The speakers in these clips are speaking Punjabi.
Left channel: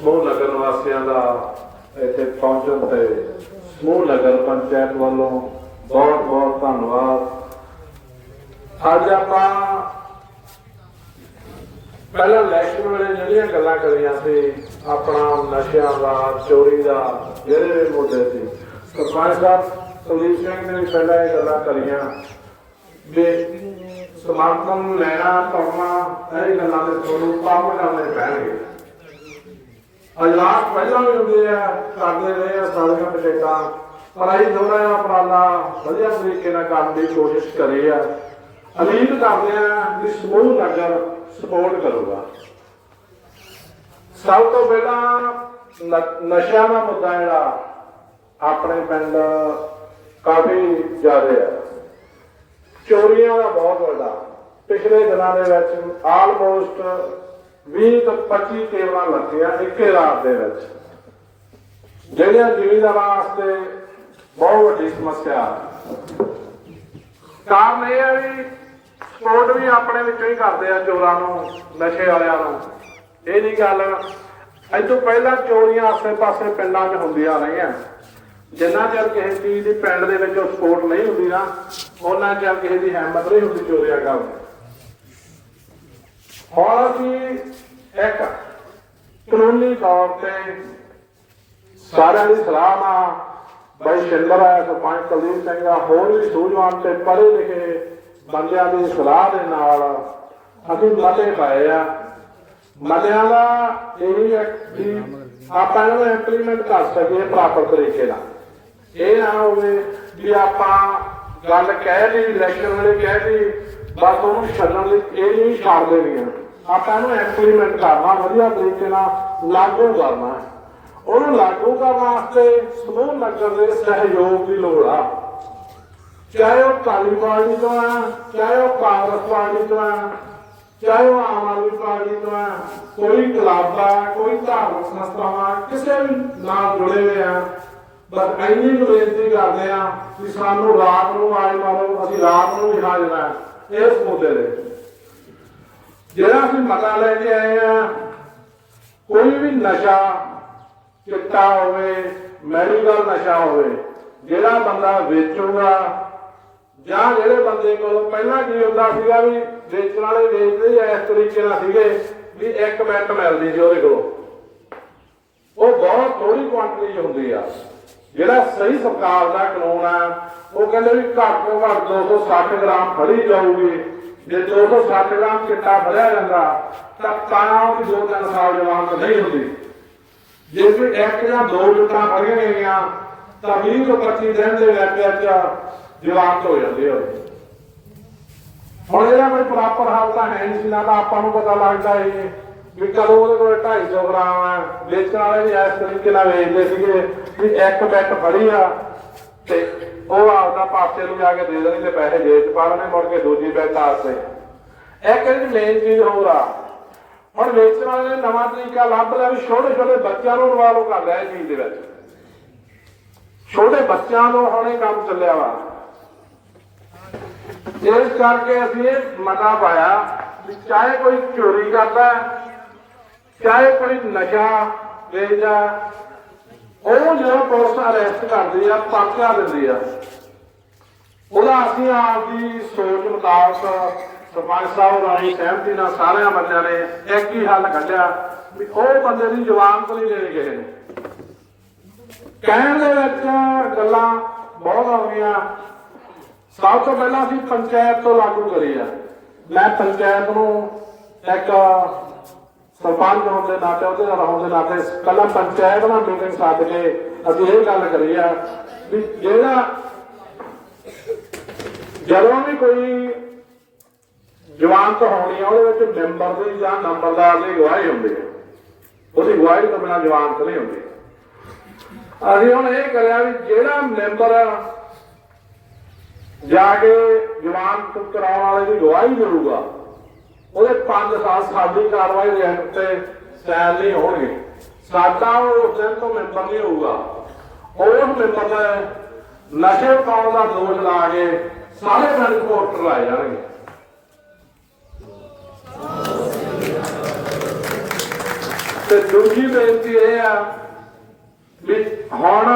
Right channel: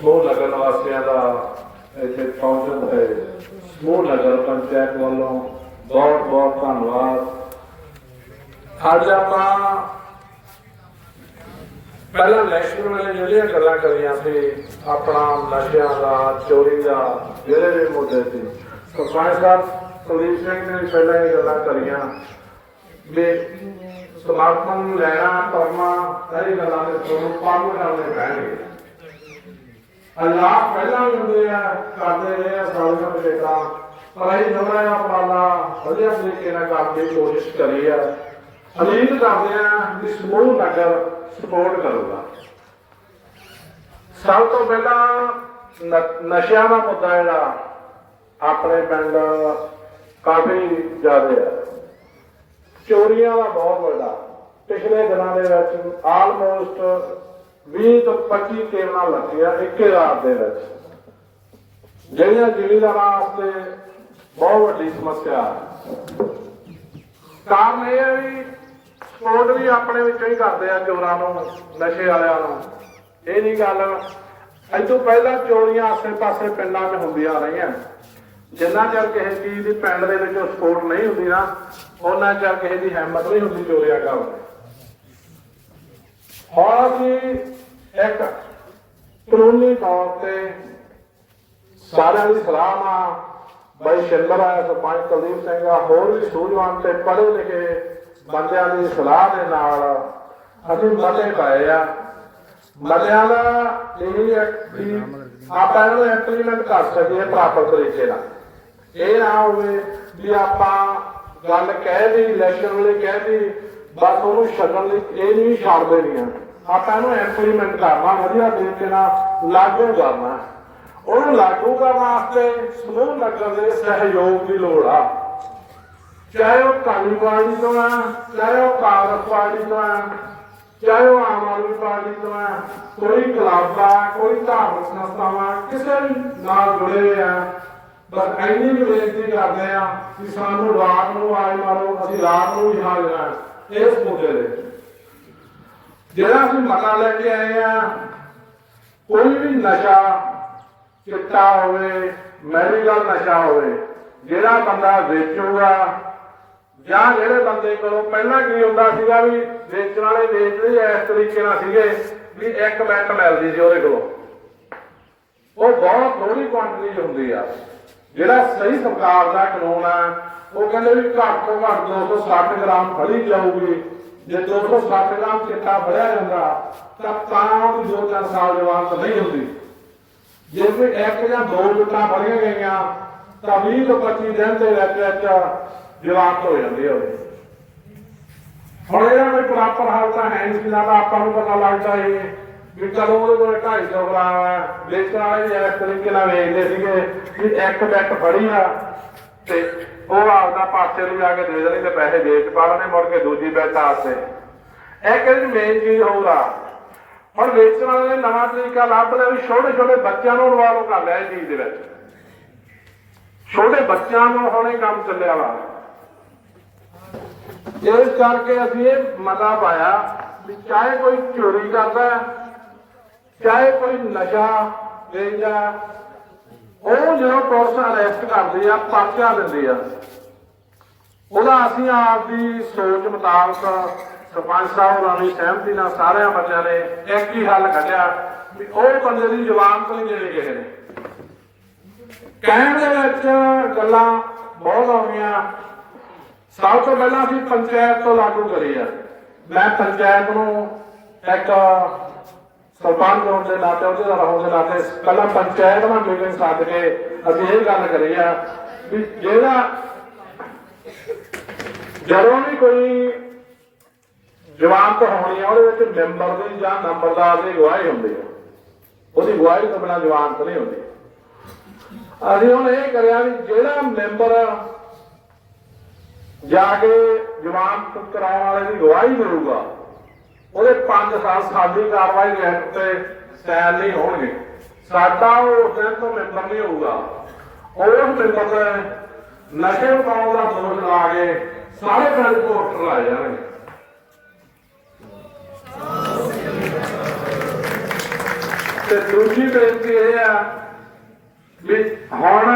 ਸਮੂਹ ਨਗਰ ਨਿਵਾਸੀਆਂ ਦਾ ਇੱਥੇ ਪਹੁੰਚਣ ਤੇ ਸਮੂਹ ਨਗਰ ਪੰਚਾਇਤ ਵੱਲੋਂ ਬਹੁਤ ਬਹੁਤ ਧੰਨਵਾਦ। ਅੱਜ ਆਪਾਂ ਪਹਿਲਾਂ ਇਲੈਕਸ਼ਨ ਵੇਲੇ ਜਿਹੜੀਆਂ ਗੱਲਾਂ ਕਰੀਆਂ ਸੀ, ਆਪਣਾ ਨਸ਼ਿਆਂ ਦਾ, ਚੋਰੀ ਦਾ, ਜਿਹੜੇ ਵੀ ਮੁੱਦੇ ਸੀ। ਸਰਪੰਚ ਸਾਹਿਬ, ਕੁਲਦੀਪ ਸਿੰਘ ਨੇ ਪਹਿਲਾਂ ਇਹ ਗੱਲਾਂ ਕਰੀਆਂ ਵੀ ਸਮਾਰਟਫੋਨ ਨੂੰ ਲੈਣਾ ਕਰਨਾ ਸਾਰੀ ਗੱਲਾਂ ਦੇ ਤੁਹਾਨੂੰ ਕੰਮ ਕਰਨੇ ਪੈਣਗੇ। ਅਲਾਹ ਪਹਿਲਾਂ ਵੀ ਹੁੰਦੇ ਆ, ਕਰਦੇ ਰਹੇ ਆ ਸਾਰੀਆਂ ਪੰਚਾਇਤਾਂ ਪਰ ਅਸੀਂ ਥੋੜਾ ਜਿਹਾ ਵਧੀਆ ਤਰੀਕੇ ਨਾਲ ਕਰਨ ਦੀ ਕੋਸ਼ਿਸ਼ ਕਰੀ ਆ। ਉਮੀਦ ਕਰਦੇ ਆ ਕਿ ਸਮੂਹ ਨਗਰ ਸਪੋਰਟ ਕਰੂਗਾ। ਸਭ ਤੋਂ ਪਹਿਲਾਂ ਨਸ਼ਿਆਂ ਦਾ ਮੁੱਦਾ ਜਿਹੜਾ, ਆਪਣੇ ਪਿੰਡ ਕਾਫੀ ਜ਼ਿਆਦਾ ਆ। ਚੋਰੀਆਂ ਦਾ ਬਹੁਤ ਵੱਡਾ। ਪਿਛਲੇ ਦਿਨਾਂ ਦੇ ਵਿੱਚ ਆਲਮੋਸਟ 20 ਤੋਂ 25 ਕੇਵਲਾਂ ਲੱਗੀਆਂ ਇੱਕੇ ਰਾਤ ਦੇ ਵਿੱਚ। ਜਿਹੜੀਆਂ ਜ਼ਿਮੀਂਦਾਰਾਂ ਵਾਸਤੇ ਬਹੁਤ ਵੱਡੀ ਸਮੱਸਿਆ। ਕਾਰਨ ਇਹ ਹੈ ਵੀ ਸਪੋਰਟ ਵੀ ਆਪਣੇ ਵਿੱਚੋਂ ਹੀ ਕਰਦੇ ਆ ਚੋਰਾਂ ਨੂੰ, ਨਸ਼ੇ ਵਾਲਿਆਂ ਨੂੰ। ਇਹ ਨਹੀਂ ਗੱਲ, ਅੱਜ ਪਹਿਲਾਂ ਚੋਰੀਆਂ ਆਸੇ-ਪਾਸੇ ਪਿੰਡਾਂ 'ਚ ਹੁੰਦੀਆਂ ਰਹੀਆਂ। ਜਿੰਨਾ ਚਿਰ ਕਿਸੇ ਚੀਜ਼ ਦੀ ਪਿੰਡ ਦੇ ਵਿੱਚ ਸਪੋਰਟ ਨਹੀਂ ਹੁੰਦੀ ਨਾ ਉਹਨਾਂ ਚਿਰ ਕਿਸੇ ਦੀ ਹਿੰਮਤ ਨਹੀਂ ਹੁੰਦੀ ਚੋਰੀਆਂ ਕਰਨ ਦੀ। ਹੁਣ ਅਸੀਂ ਇੱਕ ਕਾਨੂੰਨੀ ਤੌਰ ਤੇ ਸਾਰਿਆਂ ਦੀ ਸਲਾਹ ਨਾਲ ਬਾਈ ਸ਼ਿੰਦਰ ਆ ਸਰਪੰਚ ਕੁਲਦੀਪ ਸਿੰਘ ਆ, ਹੋਰ ਵੀ ਸੂਝਵਾਨ ਤੇ ਪੜ੍ਹੇ ਲਿਖੇ ਬੰਦਿਆਂ ਦੀ ਸਲਾਹ ਦੇ ਨਾਲ ਅਸੀਂ ਮਤੇ ਪਾਏ ਆ। ਮਤਿਆਂ ਦਾ ਇਹ ਵੀ ਆਪਾਂ ਇਹਨੂੰ ਇੰਪਲੀਮੈਂਟ ਕਰ ਸਕੀਏ ਪ੍ਰਾਪਰ ਤਰੀਕੇ ਨਾਲ। ਇਹ ਨਾ ਹੋਵੇ ਵੀ ਆਪਾਂ ਗੱਲ ਕਹਿ ਲਈ ਇਲੈਕਸ਼ਨ ਵੇਲੇ ਕਹਿ ਲਈ ਬਸ ਉਹਨੂੰ ਛੱਡਣ ਲਈ ਇਹ ਨਹੀਂ ਛੱਡ ਦੇਣੀਆਂ ਆਪਾਂ ਇਹਨੂੰ ਇੰਪਲੀਮੈਂਟ ਕਰਨਾ, ਵਧੀਆ ਤਰੀਕੇ ਨਾਲ ਲਾਗੂ ਕਰਨਾ। ਉਹਨੂੰ ਲਾਗੂ ਕਰਨ ਵਾਸਤੇ ਸਮੂਹ ਨਗਰ ਦੇ ਸਹਿਯੋਗ ਦੀ ਲੋੜ ਆ। ਚਾਹੇ ਉਹ ਕਾਲੀ ਪਾਰਟੀ ਤੋਂ ਆ, ਚਾਹੇ ਉਹ ਕਾਂਗਰਸ ਪਾਰਟੀ ਤੋਂ ਆ, ਚਾਹੇ ਉਹ ਆਮ ਆਦਮੀ ਪਾਰਟੀ ਤੋਂ ਆ, ਕੋਈ ਕਲੱਬ ਆ, ਕੋਈ ਧਾਰਮਿਕ ਸੰਸਥਾਵਾਂ ਕਿਸੇ ਵੀ ਨਾਲ ਜੁੜੇ ਹੋਏ ਆ, ਬਸ ਇੰਨੀ ਬੇਨਤੀ ਕਰਦੇ ਆ ਕਿ ਸਾਨੂੰ ਰਾਤ ਨੂੰ ਆਏ ਮਾਰੋ, ਅਸੀਂ ਰਾਤ ਨੂੰ ਵੀ ਹਾਜ਼ਰ ਆ। ਇਸ ਮੁੱਦੇ ਦੇ ਜਿਹੜਾ ਅਸੀਂ ਮਤਾ ਲੈ ਕੇ ਆਏ ਆ, ਕੋਈ ਵੀ ਨਸ਼ਾ ਚਿੱਟਾ ਹੋਵੇ, ਮੈਡੀਕਲ ਨਸ਼ਾ ਹੋਵੇ, ਜਿਹੜਾ ਬੰਦਾ ਵੇਚੂਗਾ, ਜਾਂ ਜਿਹੜੇ ਬੰਦੇ ਕੋਲੋਂ ਪਹਿਲਾਂ ਕੀ ਹੁੰਦਾ ਸੀਗਾ ਵੀ ਵੇਚਣ ਵਾਲੇ ਵੇਚਦੇ ਇਸ ਤਰੀਕੇ ਨਾਲ ਸੀਗੇ ਵੀ ਇੱਕ ਮਿੰਟ ਮਿਲਦੀ ਸੀ ਉਹਦੇ ਕੋਲੋਂ। ਉਹ ਬਹੁਤ ਥੋੜੀ ਕੁਆਂਟੀਟੀ ਹੁੰਦੀ ਆ। ਜਿਹੜਾ ਸਹੀ ਸਰਕਾਰ ਦਾ ਕਾਨੂੰਨ ਆ ਉਹ ਕਹਿੰਦੇ ਵੀ ਘੱਟ ਤੋਂ ਘੱਟ 260 ਗ੍ਰਾਮ ਫੜੀ ਜਾਊਗੀ। ਜੇ 260 ਗ੍ਰਾਮ ਚਿੱਟਾ ਫੜਿਆ ਜਾਂਦਾ, ਤਾਂ ਤਾਂ ਵੀ ਦੋ ਤਿੰਨ ਸਾਲ ਜਵਾਨ ਨਹੀਂ ਹੁੰਦੀ। ਜੇ ਕੋਈ ਇੱਕ ਜਾਂ ਦੋ ਜੁੱਤਾਂ ਫੜੀਆਂ ਗਈਆਂ, ਤਾਂ 20 ਤੋਂ 25 ਦਿਨ ਦੇ ਵਿੱਚ ਵਿੱਚ ਜਵਾਨ ਹੋ ਜਾਂਦੇ ਆ ਹੁਣ ਇਹਦਾ ਕੋਈ ਪ੍ਰਾਪਰ ਹਾਲ ਤਾਂ ਹੈ ਨਹੀਂ ਸੀ ਆਪਾਂ ਨੂੰ ਪਤਾ ਲੱਗਦਾ ਇਹ ਵੀ ਕਦੋਂ ਉਹਦੇ ਕੋਲ 250 ਗ੍ਰਾਮ ਆ। ਵੇਚਣ ਵਾਲੇ ਵੀ ਇਸ ਤਰੀਕੇ ਨਾਲ ਵੇਚਦੇ ਸੀਗੇ ਵੀ ਇੱਕ ਬੈਟ ਫੜੀ ਆ ਤੇ ਉਹ ਆਪਦਾ ਪਾਸੇ ਨੂੰ ਕੇ ਦੇ ਦੇਣੀ ਪੈਸੇ ਜੇਬ 'ਚ ਪਾ ਮੁੜ ਕੇ ਦੂਜੀ ਬੈਟ ਆਸਤੇ ਇਹ ਕਹਿੰਦੇ ਮੇਨ ਚੀਜ਼ ਹੋਰ ਆ। ਹੁਣ ਵੇਚਣ ਵਾਲੇ ਨੇ ਨਵਾਂ ਤਰੀਕਾ ਲੱਭ ਲਿਆ ਵੀ ਛੋਟੇ ਛੋਟੇ ਬੱਚਿਆਂ ਨੂੰ ਇਨਵੋਲਵ ਕਰ ਲਿਆ ਇਹ ਚੀਜ਼ ਦੇ ਵਿੱਚ। ਛੋਟੇ ਬੱਚਿਆਂ ਨੂੰ ਹੁਣੇ ਕੰਮ ਚੱਲਿਆ ਵਾ। ਇਸ ਕਰਕੇ ਅਸੀਂ ਇਹ ਮਤਾ ਪਾਇਆ ਵੀ ਚਾਹੇ ਕੋਈ ਚੋਰੀ ਕਰਦਾ, ਚਾਹੇ ਕੋਈ ਨਸ਼ਾ ਵੇਚਦਾ ਉਹ ਜਦੋਂ ਪੁਲਿਸ ਅਰੈਸਟ ਕਰਦੀ ਆ, ਪਰਚਾ ਦਿੰਦੀ ਆ। ਉਹਦਾ ਅਸੀਂ ਆਪਦੀ ਸੋਚ ਮੁਤਾਬਕ ਸਰਪੰਚ ਸਾਹਿਬ, ਰਾਣੀ ਸਹਿਮਤੀ ਨਾਲ ਸਾਰਿਆਂ ਬੰਦਿਆਂ ਨੇ ਇੱਕ ਹੀ ਹੱਲ ਕੱਢਿਆ ਵੀ ਉਹ ਬੰਦੇ ਦੀ ਜ਼ਬਾਨ ਨਹੀਂ ਦੇਣੀ ਕਿਸੇ ਨੇ ਕਹਿਣ ਦੇ ਵਿੱਚ ਗੱਲਾਂ ਬਹੁਤ ਆਉਂਦੀਆਂ। ਸਭ ਤੋਂ ਪਹਿਲਾਂ ਅਸੀਂ ਪੰਚਾਇਤ ਤੋਂ ਲਾਗੂ ਕਰੀ ਆ। ਮੈਂ ਪੰਚਾਇਤ ਨੂੰ ਇੱਕ ਸਰਪੰਚ ਹੋਣ ਦੇ ਨਾਤੇ, ਉਹਦੇ ਨਾਲ ਹੋਣ ਦੇ ਨਾਤੇ ਪਹਿਲਾਂ ਪੰਚਾਇਤ ਨਾਲ ਮੀਟਿੰਗ ਸੱਦ ਕੇ ਅਸੀਂ ਇਹ ਗੱਲ ਕਰੀ ਆ ਵੀ ਜਿਹੜਾ ਜਦੋਂ ਵੀ ਕੋਈ ਜਵਾਨਤ ਹੋਣੀ ਆ, ਉਹਦੇ ਵਿੱਚ ਮੈਂਬਰ ਦੀ ਜਾਂ ਨੰਬਰਦਾਰ ਦੀ ਗਵਾਹੀ ਹੁੰਦੀ ਹੈ ਉਹਦੀ ਗਵਾਹੀ ਤੋਂ ਬਿਨਾਂ ਜਵਾਨਤ ਨਹੀਂ ਹੁੰਦੀ। ਅਸੀਂ ਹੁਣ ਇਹ ਕਰਿਆ ਵੀ ਜਿਹੜਾ ਮੈਂਬਰ ਜਾ ਕੇ ਜਵਾਨ ਕਰਾਉਣ ਵਾਲੇ ਦੀ ਗਵਾਹੀ ਦੇਊਗਾ ਉਹਦੇ 5 ਸਾਲ ਸਾਡੀ ਕਾਰਵਾਈ ਦੇ ਹੱਕ ਤੇ ਨਹੀਂ ਹੋਣਗੇ। ਸਾਡਾ ਉਹ ਦਿਨ ਤੋਂ ਮੈਂਬਰ ਨਹੀਂ ਹੋਊਗਾ। ਉਹ ਮੈਂਬਰ ਦਾ ਨਸ਼ੇ ਪਾਉਣ ਦਾ ਦੋਸ਼ ਲਾ ਕੇ ਸਾਰੇ ਪਿੰਡ ਰਿਪੋਰਟ ਲਾ ਜਾਣਗੇ। ਤੇ ਦੂਜੀ ਬੇਨਤੀ ਇਹ ਆ ਵੀ ਹੁਣ